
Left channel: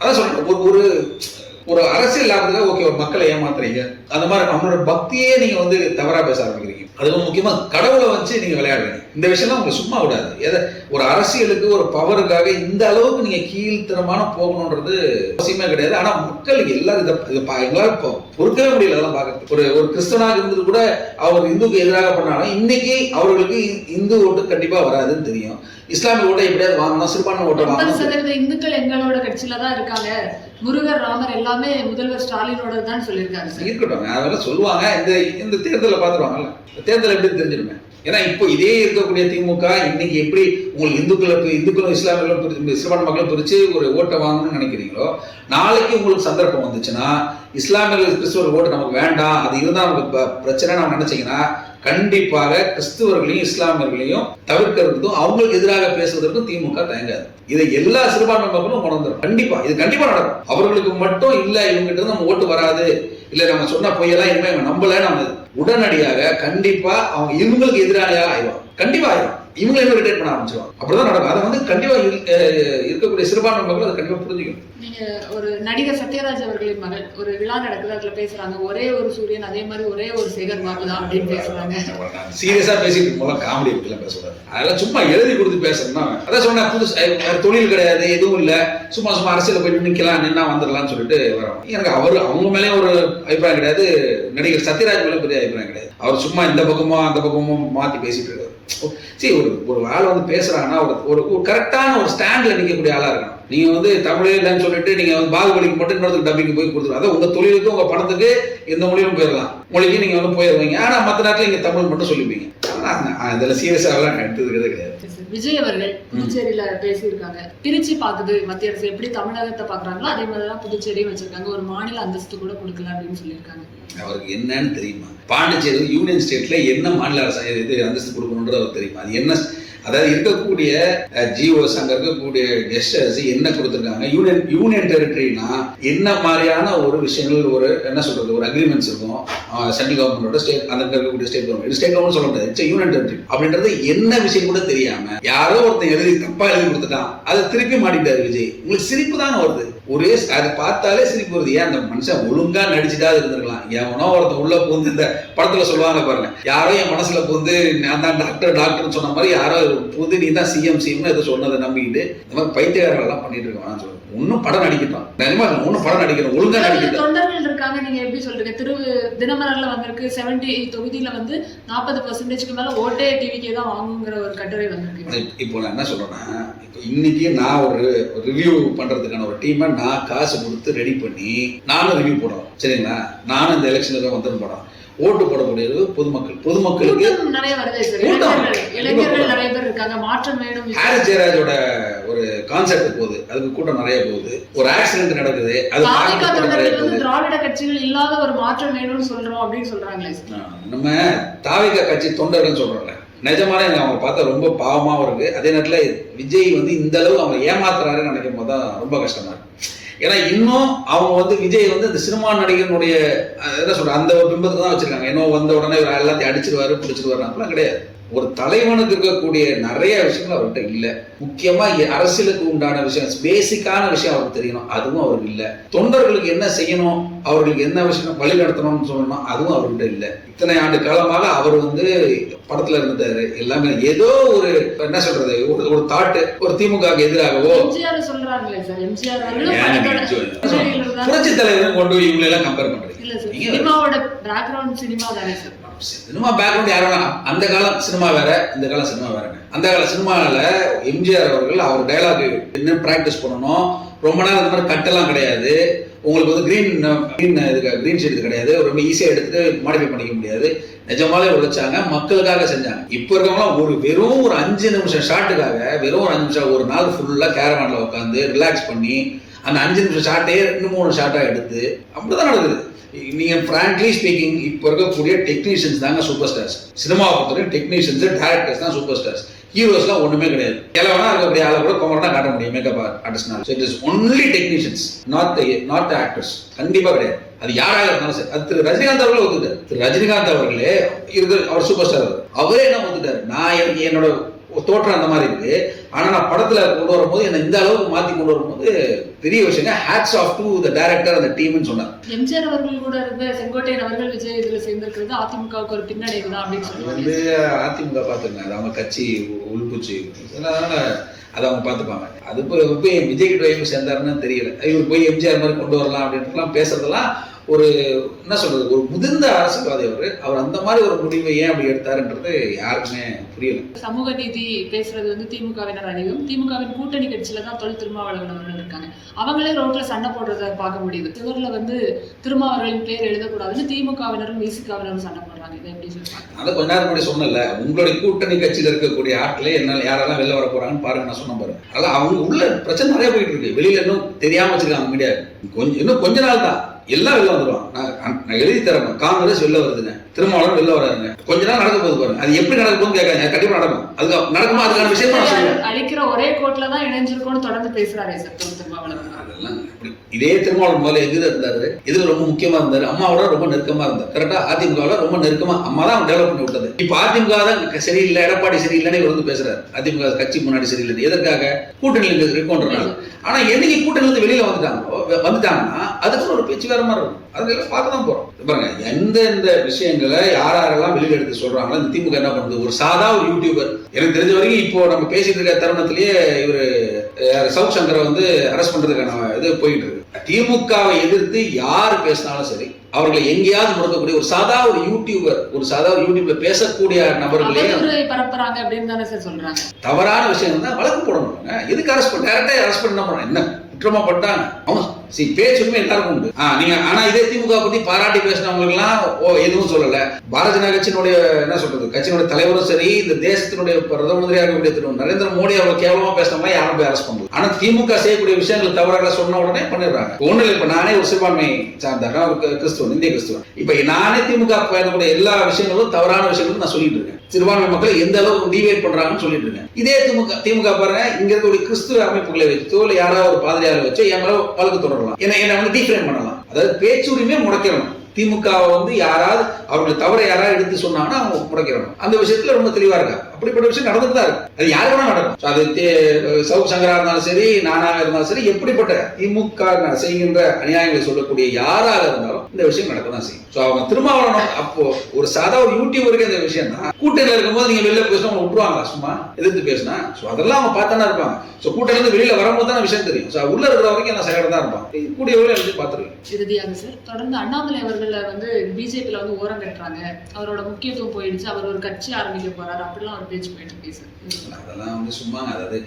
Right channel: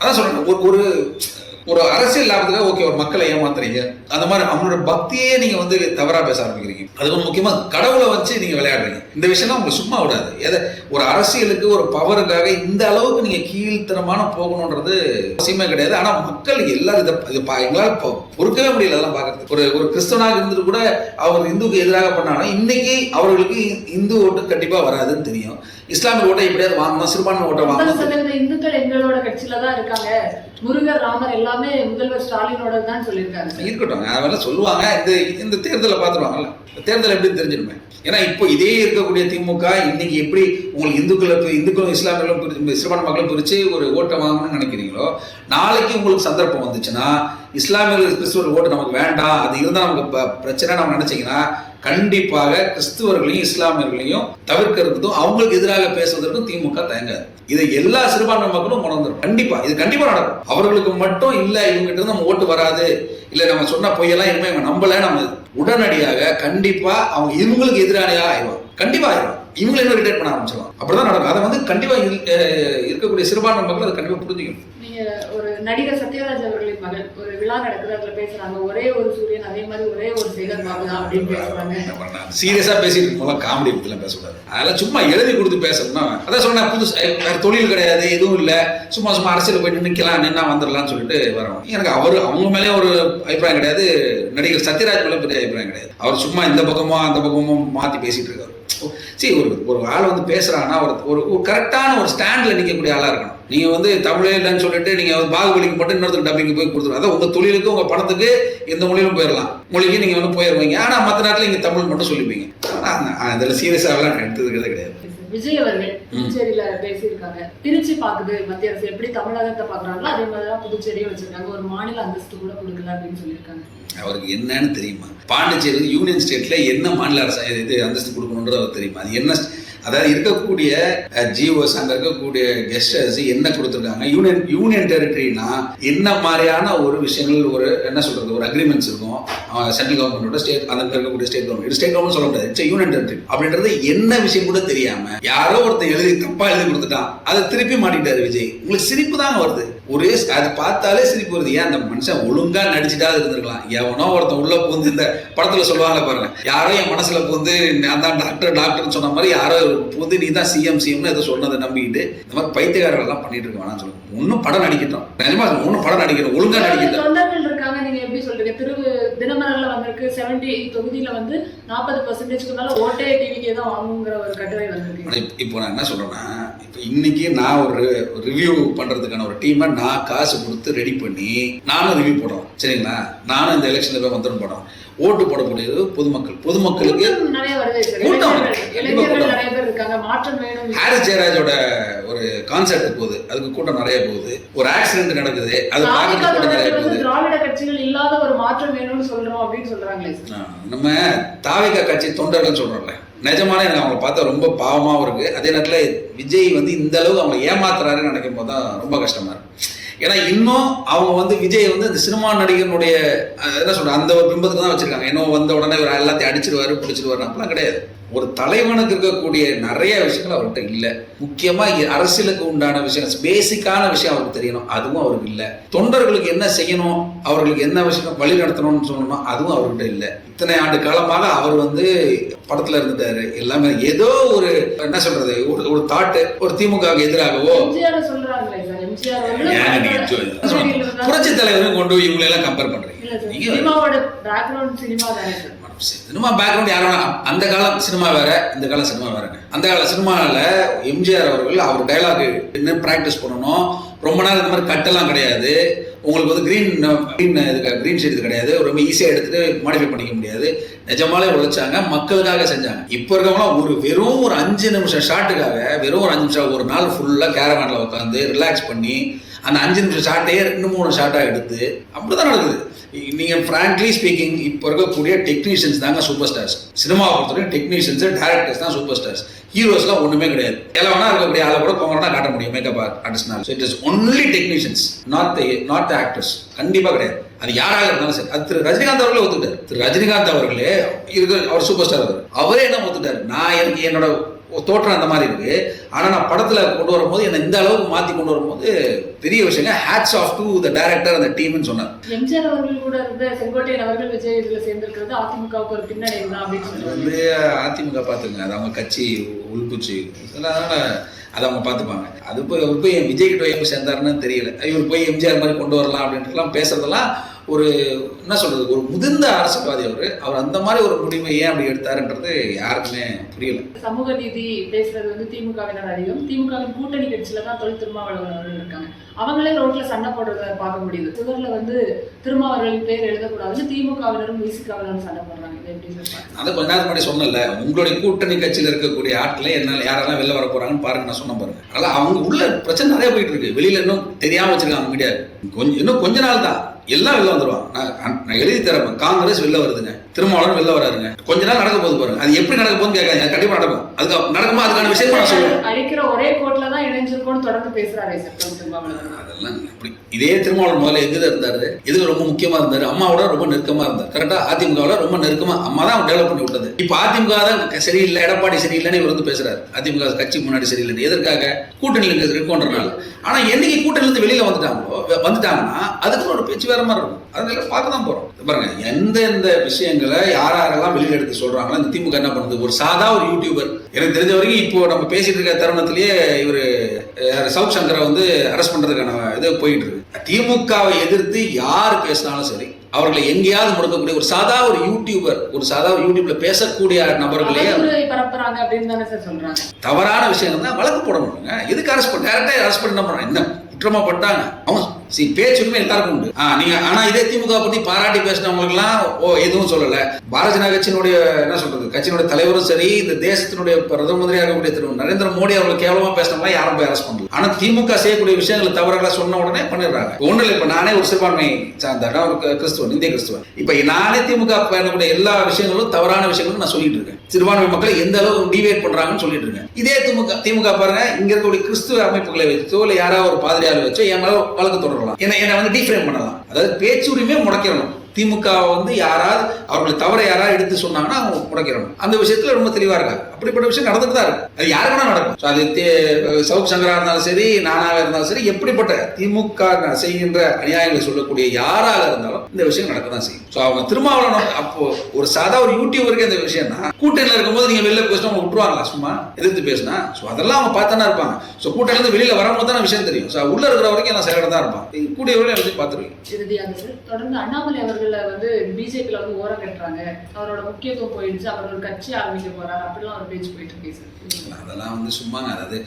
அதான் சொல்றாங்க, ஒரு அரசியல் லாபத்துக்காக ஓகே ஒரு மக்களை ஏமாத்துறீங்க, அந்த மாதிரி அவங்களோட பக்தியே நீங்க வந்து தவறா பேச ஆரம்பிக்கிறீங்க. அது முக்கியமா கடவுளை வச்சு நீங்க விளையாடுறீங்க. இந்த விஷயம் உங்களுக்கு சும்மா விடாது. ஒரு அரசியலுக்கு ஒரு பவருக்காக இந்த அளவுக்கு நீங்க கீழ்த்தரமான போகணுன்றது அவசியமே கிடையாது. ஆனா மக்கள் எல்லாரும் எங்களால் பொறுக்கவே முடியல அதெல்லாம் பாக்குறது. ஒரு கிறிஸ்தவனாக இருந்துட்டு கூட அவர் இந்துக்கு எதிராக பண்ணாலும் இன்னைக்கு அவர்களுக்கு இந்து ஓட்டு கண்டிப்பா வராதுன்னு தெரியும். இஸ்லாமிய ஓட்டை எப்படியாவது வாங்கணும், சிறுபான்மை ஓட்டை வாங்கணும். இந்துக்கள் எங்களோட கட்சியில தான் இருக்காங்க, முருகர் ராமர் எல்லாமே முதல்வர் ஸ்டாலினோட தான் சொல்லியிருக்காங்க. இருக்கட்டும், அதெல்லாம் சொல்லுவாங்க. இந்த தேர்தலை பார்த்துருவாங்கல்ல, தேர்தல் எப்படி தெரிஞ்சிருமே. ஏன்னா இப்போ இதே இருக்கக்கூடிய திமுக இன்னைக்கு எப்படி உங்களுக்கு இந்துக்களும் இஸ்லாமியர்களும் சிறுபான்மை மக்களும் பிரிச்சு ஒரு ஓட்டை வாங்கணும்னு நினைக்கிறீங்களோ, நாளைக்கு உங்களுக்கு சந்தர்ப்பம் வந்துச்சுன்னா இஸ்லாமியர்கள் கிறிஸ்துவர் ஓட்டு நமக்கு வேண்டாம், அது இருந்தால் நமக்கு பிரச்சனை நம்ம நினைச்சீங்கன்னா கண்டிப்பாக கிறிஸ்துவர்களையும் இஸ்லாமியர்களையும் தவிர்க்கிறதுக்கும் அவங்களுக்கு எதிராக பேசுவதற்கும் திமுக தயங்காது. இதை எல்லா சிறுபான்மை மக்களும் உணர்ந்துடும். இது கண்டிப்பா நடக்கும். அவர்களுக்கு மட்டும் இல்ல இவங்ககிட்ட இருந்து நம்ம ஓட்டு வராது, இல்ல நம்ம சொன்ன பொய்யெல்லாம் இனிமே இவங்க நம்பல, நம்ம உடனடியாக கண்டிப்பா அவங்க இவங்களுக்கு எதிரானையாக ஆயிடும். கண்டிப்பா ஆயிடும். இவங்க என்ன ரிட்டேட் பண்ண ஆரம்பிச்சிருவாங்க. அப்படிதான் நடக்கும். அதை வந்து கண்டிப்பா இருக்கக்கூடிய சிறுபான்மை மக்கள் அதை கண்டிப்பா புரிஞ்சுக்கணும். நீங்க ஒரு நடிகர் சத்யராஜ் அவர்களின் மகள் ஒரு விழா நடக்குது, அதுல பேசுறாங்க, ஒரே ஒரு சூரியன், அதே மாதிரி ஒரே ஒரு சேகர் பாபு தான் அப்படின்னு பேசுறாங்க. சீரியஸா பேசிட்டு போல காமெடி பத்தில பேசக்கூடாது. அதெல்லாம் சும்மா எழுதி கொடுத்து பேசணும்னா அதான் சொன்னா புதுசு தொழில் கிடையாது, எதுவும் இல்ல, சும்மா அரசியல போய் நிக்கலாம், நின்னா வந்துடலாம்னு சொல்லிட்டு வரோம். எனக்கு அவங்க மேலே ஒரு அபிப்பிராயம் கிடையாது, நடிகர் சத்யராஜ் மேலே பெரிய அபிப்பிராயம் கிடையாது. அவர் சும்மா இந்த பக்கமும் அந்த பக்கமும் மாத்தி பேசிட்டு இருக்காரு. சரி, ஒரு ஆள் வந்து பேசுறாங்கன்னா ஒரு கரெக்டான ஒரு ஸ்டாண்ட்ல நிற்கக்கூடிய ஆளா இருக்கணும். நீங்க வந்து தமிழே இல்லைன்னு சொல்லிட்டு நீங்க பாகுபலிக்கு மட்டும் இன்னொருத்தருக்கு டப்பிங் போய் கொடுத்துருவோம். அதான் உங்க தொழிலுக்கு உங்க பணத்துக்கு எந்த மொழியிலும் போயிடலாம், மொழிக்கு நீங்க வந்து போயிடுவீங்க. ஆனா மற்ற நேரத்தில் நீங்க தமிழ் மட்டும் சொல்லிப்பீங்க. அதுல சீரியஸாக எடுத்ததுக்கிறதே கிடையாது. விஜய் அவர்கள் புதுச்சேரியில பேசியிருக்காங்க, பிரிச்சு பாக்குது மத்திய அரசு, எப்படி தமிழகத்தை பாக்குறாங்களோ அதே மாதிரிதான் புதுச்சேரியும் வச்சிருக்காங்க, ஒரு மாநில அந்தஸ்து கூட கொடுக்கல அப்படின்னு சொல்லியிருக்காங்க. அவருக்கு என்னன்னு தெரியுமா? பாண்டிச்சேரி யூனியன் ஸ்டேட்ல என்ன மாநில அரசு அந்தஸ்து கொடுக்கணுன்றது அவர் தெரியுமா? அது என்ன, அதாவது இருக்கக்கூடிய ஜிஓஸ், அங்க இருக்கக்கூடிய கெஸ்டர்ஸ் என்ன கொடுத்துருக்காங்க. யூனியன் டெரிட்டரினா என்ன மாதிரியான ஒரு விஷயங்கள், ஒரு என்ன சொல்றது, ஒரு அக்ரிமெண்ட்ஸ் இருக்கும் சென்ட்ரல் கவர்மெண்டோட, ஸ்டேட் அந்த இருக்கக்கூடிய ஸ்டேட் கவர்மெண்ட். ஸ்டேட் கவர்மெண்ட் சொல்ல முடியாது, இட்ஸ் யூனியன் டெரிட்டரி அப்படின்றது என்ன விஷயம் கூட தெரியாம யாரோ ஒருத்தன் தப்பா எழுதி கொடுத்துட்டான், அதை திருப்பி மாட்டிட்டாரு விஜய். உங்களுக்கு சிரிப்பு தான் வருது. ஒரே அது பார்த்தாலே சிரிப்பு வருது. ஏன் அந்த மனுஷன் ஒழுங்கா நடிச்சுட்டாது இருந்திருக்கலாம். எவனோ ஒருத்தன் உள்ள பூந்து, இந்த படத்துல சொல்லுவாங்க பாருங்க, யாரோ என் மனசுல பூந்து நான் தான் டாக்டர்னு சொன்ன மாதிரி யாரோ பூந்து நீ தான் சிஎம்னு எதை சொன்னதை நம்பிக்கிட்டு இந்த மாதிரி பைத்தியக்காரர்கள்லாம் பண்ணிட்டு இருக்கான்னு சொல்லுவாங்க. ஒன்னும் படம் நடிக்கட்டும், நிஜமா ஒன்னும் படம் நடிக்கணும், ஒழுங்கா நடிக்கட்டும். தொண்டர்கள் இருக்காங்க, நீங்க எப்படி சொல்றீங்க? தினமலர்ல வந்திருக்கு 70 தொகுதியில வந்து 40% மேல ஓட்டே டிவிக்கே தான் வாங்குங்கிற ஒரு கட்டுரை வந்திருக்கு. இப்போ நான் என்ன சொல்றேன்னா, இப்போ இன்னைக்கு நான் ஒரு ரிவ்யூ பண்றதுக்கான ஒரு டீமை நான் காசு கொடுத்து ரெடி பண்ணி நானும் ரிவ்யூ போடுறோம், சரிங்களா? நானும் இந்த எலெக்ஷன்ல வந்துடும் போடுறோம். ஓட்டு போடக்கூடியது பொதுமக்களுக்கு நிறைய வருது சார். இளைஞர்கள் நிறைய பேர் இருக்காங்க, மாற்றம் வேணும். ஹாரிஸ் ஜெயராஜோட ஒரு கான்செப்ட் போகுது, அதுக்கு கூட்டம் நிறைய போகுது. ஒரு ஆக்சிடென்ட் நடக்குது, அது நிறைய போகுது. திராவிட கட்சிகள் இல்லாத ஒரு மாற்றம் வேணும்னு சொல்றோம் அப்படின்னு சொல்றாங்களே சார். நம்ம தாவேகா கட்சி தொண்டர்கள் சொல்றோம்ல, நிஜமான எனக்கு அவங்க பார்த்தா ரொம்ப பாவமாகவும் இருக்கு. அதே நேரத்தில் விஜய் வந்து இந்த அளவு அவங்க ஏமாத்துறாருன்னு நினைக்கும் போது தான் ரொம்ப கஷ்டமா இருக்கு. ஏன்னா இன்னும் அவங்க விஜய் இந்த சினிமா நடிகனுடைய என்ன சொல்ற அந்த ஒரு பிம்பத்துக்கு தான் வச்சிருக்காங்க. இன்னும் வந்த உடனே இவர் எல்லாத்தையும் அடிச்சிருவாரு பிடிச்சிருவாரு அப்படிலாம் கிடையாது. ஒரு தலைவனுக்கு இருக்கக்கூடிய நிறைய விஷயங்கள் அவர்கிட்ட இல்லை. முக்கியமா அரசியலுக்கு உண்டான விஷயம், பேசிக்கான விஷயம் அவருக்கு தெரியணும், அதுவும் அவருக்கு இல்லை. தொண்டர்களுக்கு என்ன செய்யணும், அவர்களுக்கு என்ன விஷயம் வழி நடத்தணும்னு சொல்லணும், அதுவும் அவர்கிட்ட இல்லை. இத்தனை ஆண்டு காலமாக அவர் படத்துல இருந்துட்டாரு. எல்லாமே ஏதோ ஒரு என்ன சொல்றது, ஒரு தாட்டு, ஒரு திமுக எதிராகவோ புரட்சி தலைவரும் கொண்டு போய் இவங்களை எல்லாம் கம்பேர் பண்றீங்க. சினிமா பேக்ரவுண்ட் யாரும் அந்த காலம் சினிமா வேற, இந்த காலம் சினிமா வேறங்க. அந்த கால சினிமாவில் எம்ஜிஆர் அவர்கள் அவர் டைலாக் என்ன பிராக்டிஸ் பண்ணணும், ரொம்ப நேரம் இந்த மாதிரி கட்டெல்லாம் கிடையாது. உங்களுக்கு கிரீன் ஷீட் கிடையாது, ரொம்ப ஈஸியாக எடுத்துட்டு மாடிஃபை பண்ணிக்க முடியாது. நிஜமாலே உழைச்சாங்க, மக்களுக்காக செஞ்சாங்க. இப்போ இருக்கவங்களாம் வெறும் ஒரு 5 நிமிஷம் ஷாட்டுக்காக, வெறும் ஒரு 5 நிமிஷம் ஒரு நாள் ஃபுல்லாக கேரவானில் உட்காந்து ரிலாக்ஸ் பண்ணி அந்த 5 நிமிஷம் ஷாட்டையே 2-3 ஷாட்டாக எடுத்து அப்படிதான் நடக்குது. நீங்க ஃப்ராங்க்லி ஸ்பீக்கிங் இப்போ இருக்கக்கூடிய டெக்னீஷியன்ஸ் தாங்க சூப்பர் ஸ்டார்ஸ். சினிமாவை பொறுத்தவரைக்கும் டெக்னீஷியன்ஸ் டேரக்டர்ஸ் தான் சூப்பர் ஸ்டார்ஸ். ஹீரோஸ்லாம் ஒண்ணுமே கிடையாது. எல்லாம் இருக்கக்கூடிய ஆளை கூட கோவம் தான் காட்ட முடியும் மேக்கப் ஆர்டிஸ்ட்னால. So it is only technicians, not the actors. கண்டிப்பா கிடையாது. அது யாராக இருந்தாலும் சரி. அது திரு ரஜினிகாந்த் அவர்களே ஒத்துட்டார். திரு ரஜினிகாந்த் அவர்களே அவர் சூப்பர் ஸ்டார். அவரே என்ன ஒத்துட்டார், நான் எனக்கு என்னோட தோற்றம் அந்த மாதிரி இருக்கு, ஆனா நான் படத்துல கொண்டு வரும்போது என்ன இந்த அளவுக்கு மாத்தி கொண்டு வரும்போது பெரிய விஷயம். Hats off to the director அந்த டீம்னு சொன்னார். எம்ஜிஆர் அவர்கள் கூட இருந்த செங்கோட்டையன் அவர்கள் விஜய் இதுல சேர்ந்திருக்கிறது அதிமுகவுக்கு ஒரு பின்னடைவு தான் அப்படின்னு சொல்லி அதிமுக பாத்துங்க, அது அவங்க கட்சி உள்பூச்சி, அதனால அதை அவங்க பார்த்துப்பாங்க. அது போய் விஜய் கிட்ட போய் சேர்ந்தாருன்னு தெரியல. இவர் போய் எம்ஜிஆர் மாதிரி கொண்டு வரலாம் அப்படின்ட்டுலாம் பேசுறதெல்லாம் ஒரு என்ன சொல்றது, ஒரு முதிர்ந்த அரசியல்வாதி அவர் அந்த மாதிரி ஒரு முடிவை ஏன் அப்படி எடுத்தாருன்றது யாருக்குமே புரியல. சமூக நீதி பேசுறது திமுகவினர் அதிகம். திமுகவின் கூட்டணி கட்சியில தான் தொல் திருமாவளவன் அவர்கள் இருக்காங்க. அவங்களே ரோட்ல சண்டை போடுறத பார்க்க முடியுது. சிவர்ல திருமாவளவன் பேர் எழுதக்கூடாதுன்னு திமுகவினரும் விசிகாவினரும் சண்டை போடுறாங்க. இதை எப்படி சொல்றாங்க? அதை கொஞ்ச நேரம் முன்னாடி சொன்னல, உங்களுடைய கூட்டணி கட்சியில் இருக்கக்கூடிய ஆட்களே என்னால் யாரெல்லாம் வெளில வர போறாங்கன்னு பாருங்க, நான் சொன்ன பாருங்க. அதனால அவங்க உள்ள பிரச்சனை நிறைய போயிட்டு இருக்கு. வெளியில இன்னும் தெரியாம வச்சிருக்காங்க மீடியா. இன்னும் கொஞ்ச நாள் தான் எல்லாம் வெளில வந்துருவாங்க. நான் எழுதி தரேன், காங்கிரஸ் வெளில வருதுங்க, திருமாவளவன் வெளில வராருங்க. கொஞ்ச நேரம் நடக்க போது பாருங்க. அது எப்படி நடக்க போகுதுன்னு கேட்காங்க, கண்டிப்பா நடக்கும். அதுக்கு நடக்குமா அதுக்கான விஷயம் நான் சொல்லுவேன். அழிக்கிற ஒரே கோட்ல தான் இணைஞ்சிருக்கோம்னு தொடர்ந்து பேசுறாரு சார் திருமாவளவன். அதெல்லாம் இதே திருமாவளவன் முதல்ல எதிர இருந்தாரு, எதுல ரொம்ப முக்கியமா இருந்தாரு, அம்மாவோட ரொம்ப நெருக்கமா இருந்தார். கரெக்டா அதிமுகவோட ரொம்ப நெருக்கமா அம்மா தான் டெவலப் பண்ணி விட்டது. இப்ப அதிமுக தான் சரியில்லை, எடப்பாடி சரியில்லைன்னு இவர் பேசுறாரு. அதிமுக கட்சி முன்னாடி சரியில்லை, எதற்காக? கூட்டணியில் இருக்கோன்றனால. ஆனா என்னைக்கு கூட்டணியிலிருந்து வெளியில வந்துட்டாங்கன்னா அதுக்கு ஒரு பேச்சு வேற மாதிரி இருக்கும். அதனால பார்க்க தான் போறோம். பாருங்க, எந்தெந்த விஷயங்களை யாரெல்லாம் வெளியில எடுத்து சொல்றாங்களோ இந்த திமுக என்ன பண்ணுது, ஒரு சாதா ஒரு யூடியூபர், எனக்கு தெரிஞ்ச வரைக்கும் இப்போ நம்ம பேசிட்டு இருக்க தருணத்திலேயே இவரு சவுக் சங்கரை அரெஸ்ட் பண்றதுக்கான இது போயிட்டு இருக்கு. திமுகவை எதிர்த்து யார் பேசினாலும் சரி, அவர்களை எங்கேயாவது முடக்கக்கூடிய ஒரு சாதா ஒரு யூடியூபர், ஒரு சாதா யூடியூப்ல பேசக்கூடிய நபர்களே பரப்புறாங்க அப்படின்னு தானே சார் சொல்றாங்க. தவறான விஷயம் தான் வழக்கு போடணும். எதுக்கு அரெஸ்ட் பண்ண, டேரக்டா அரெஸ்ட் பண்ண போறாங்க, என்ன குற்றமா பட்டாங்க பேச்சுமே எல்லாருக்கும் உண்டு. நீங்க ஆனா இதே திமுக பத்தி பாராட்டி பேசினவங்களுக்கு எல்லாம் எதுவும் சொல்லல. பாரதிய ஜனதா கட்சியினுடைய என்ன சொல்றது, கட்சியினுடைய தலைவரும் சரி, இந்த தேசத்தினுடைய பிரதம மந்திரியாக இருக்கக்கூடிய திரு நரேந்திர மோடி அவர்கள் கேவலமா பேசினவங்க யாரும் போய் அரெஸ்ட் பண்ணல. ஆனா திமுக செய்யக்கூடிய விஷயங்கள் தவறாக சொன்ன உடனே பண்ணிடுறாங்க. ஒண்ணு இல்லை, இப்ப நானே ஒரு சிறுபான்மை சார்ந்த ஒரு கிறிஸ்துவன், இந்திய கிறிஸ்துவன். இப்ப நானே திமுக பயணக்கூடிய எல்லா விஷயங்களும் தவறான விஷயங்களும் நான் சொல்லிட்டு இருக்கேன். சிறுபான்மை மக்களை எந்த அளவுக்கு டிவேட் பண்றாங்கன்னு சொல்லிட்டு இருக்கேன். இதே திமுக பாருங்க, இங்க இருக்கக்கூடிய கிறிஸ்துவ அமைப்புகளை வச்சோ இல்ல யாராவது ஒரு பாதிரியாரை வச்சோ என் மேல வழக்கு தொடரலாம், என்ன டிஃபரெண்ட் பண்ணலாம். அதாவது பேச்சுரிமை முடக்கிடலாம். திமுக யாராவது அவர்களுக்கு தவற யாராவது எடுத்து சொன்னாங்கன்னா அவங்க முடக்கிறோம். அந்த விஷயத்துல ரொம்ப தெளிவா இருக்காங்க. அப்படிப்பட்ட விஷயம் நடந்துட்டு தான் இருக்கு. அது யாருக்குன்னா நடக்கும். அது சவுக் சங்கரா இருந்தாலும் சரி, நானாக இருந்தாலும் சரி, எப்படிப்பட்ட திமுக செய்கின்ற அநியாயங்களை சொல்லக்கூடிய யாராக இருந்தாலும் இந்த விஷயம் நடக்க தான் செய்யும். அவங்க திருமாவளவன் அப்போ ஒரு சாதா ஒரு யூடியூபருக்கு இந்த விஷயம்னா, கூட்டணியில் இருக்கும்போது நீங்க வெளில பேசினா அவங்க விட்டுருவாங்களா சும்மா எதிர்த்து பேசினா? அதெல்லாம் அவங்க பார்த்தானே இருப்பாங்க. கூட்டணியிலிருந்து வெளியில வரும்போது தான் விஷயம் தெரியும். உள்ள இருக்கிற வரைக்கும் எல்லாம் சைடாக தான் இருப்பாங்க. கூடியவர்கள் எழுதி பார்த்துருவீங்க. இறுதியாக சார், தொடர்ந்து அண்ணாமலை அவர்களை பிஜேபியில ஓரம் கட்டுறாங்க, அவரோட முக்கியத்துவம் போயிடுச்சு, அவர் ஒரு கட்சி ஆரம்பிக்க போறாரு அப்படிலாம் ஒரு பேச்சு போயிட்டு இருக்கு சார். அதெல்லாம் சும்மா, அதாவது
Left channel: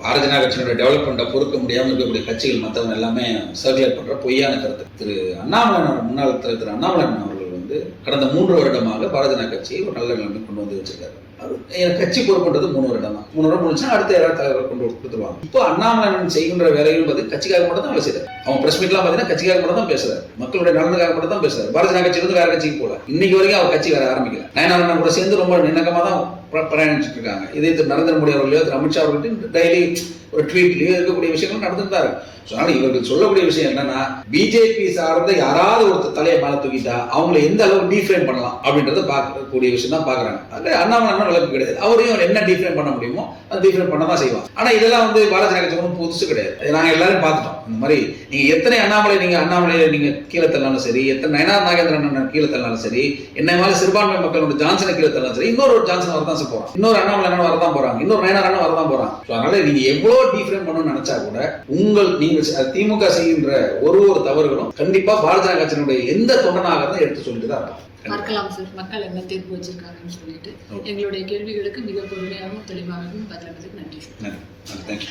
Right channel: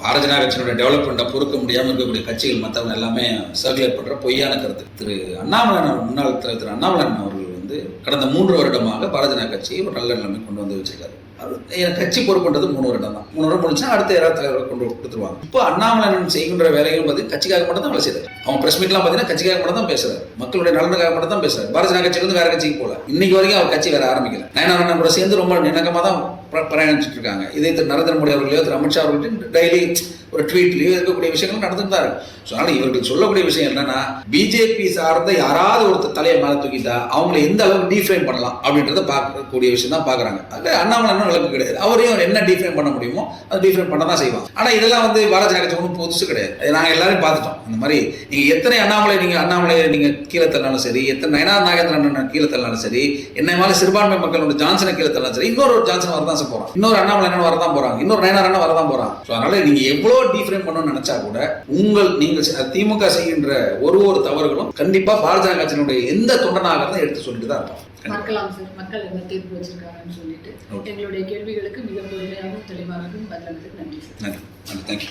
பாரதிய ஜனதா கட்சியோட டெவலப்மெண்ட்டை பொறுக்க முடியாமல் இருக்கக்கூடிய கட்சிகள் மற்றவங்க எல்லாமே சர்க்குலேட் பண்ற பொய்யான கருத்து. திரு அண்ணாமலை முன்னாள் திரு அண்ணாமலை அவர்கள் வந்து கடந்த 3 வருடமாக பாரதிய ஜனதா கட்சியை ஒரு நல்ல நிலைமை கொண்டு வந்து வச்சிருக்காரு. கட்சி பொறுப்புன்றது 3 வருடம் தான். 3 வருடம் முடிச்சுன்னா அடுத்த யாராவது தலைவர் கொண்டு கொடுத்துருவாங்க. இப்போ அண்ணாமலை செய்கின்ற வேலையும் கட்சிக்காக மட்டும் தான் வேலை செய்யறாரு. அவன் பிரஸ் மீட்லாம் பார்த்தீங்கன்னா கட்சிக்காக மட்டும் தான் பேசுறாரு, மக்களுடைய நலனுக்காக மட்டும் தான் பேசுறாரு. பாரதிய ஜனதா கட்சிக்கு வந்து வேற கட்சிக்கு போல. இன்னைக்கு வரைக்கும் அவர் கட்சி வேற ஆரம்பிக்கல. நயனாரண்ணன் கூட சேர்ந்து ரொம்ப நின்னகமாக தான் பிரயாணிச்சுட்டு இருக்காங்க. இதே நரேந்திர மோடி அவர்களையோ அமித்ஷா அவர்கள்ட்ட டெய்லி ஒரு ட்வீட்லயோ இருக்கக்கூடிய விஷயங்கள் நடந்துட்டு தான் இருக்கு. அதனால இவர்கள் சொல்லக்கூடிய விஷயம் என்னன்னா, பிஜேபி சார்ந்த யாராவது ஒரு தலையை மேல தூக்கிட்டா அவங்களை எந்த அளவுக்கு டீஃப்ரேம் பண்ணலாம் அப்படின்றத பார்க்கக்கூடிய விஷயம் தான் பாக்குறாங்க. அது அண்ணாமலை விளக்கு கிடையாது. அவரையும் என்ன டீஃப்ரேம் பண்ண முடியுமோ அது டீஃப்ரேம் பண்ண தான் செய்வாங்க. ஆனா இதெல்லாம் வந்து பாரதிய ஜனதா கட்சி ஒன்றும் புதுசு கிடையாது. நாங்க எல்லாரும் பார்த்துட்டோம். இந்த மாதிரி நீங்க எத்தனை அண்ணாமலை நீங்க கீழே தள்ளாலும் சரி, எத்தனை நயனார் நாகேந்திரன் கீழே தள்ளாலும் சரி, என்ன மாதிரி சிறுபான்மை மக்களோட ஜான்சனை கீழே தள்ளாலும் சரி, இன்னொரு ஜான்சன் வரதான் போறாங்க, இன்னொரு அண்ணாமலை வரதான் போறாங்க, இன்னொரு நயனார் வரதான் போறாங்க. அதனால நீங்க எவ்வளவு டீஃப்ரேம் பண்ணணும்னு நினைச்சா கூட நீங்க திமுக செய்கின்ற ஒரு தவறுகளும் கண்டிப்பா பாரதிய ஜனதா கட்சியினுடைய எந்த தொண்டனாக எடுத்து சொல்லிட்டு தான் இருப்பாங்க. பார்க்கலாம் சார், மக்கள் என்ன தீர்ப்பு வச்சிருக்காங்கன்னு சொல்லிட்டு எங்களுடைய கேள்விகளுக்கு மிக பொறுமையாகவும் தெளிவாகவும் பதிலளித்ததுக்கு நன்றி சார். நன்றி. தேங்க்யூ.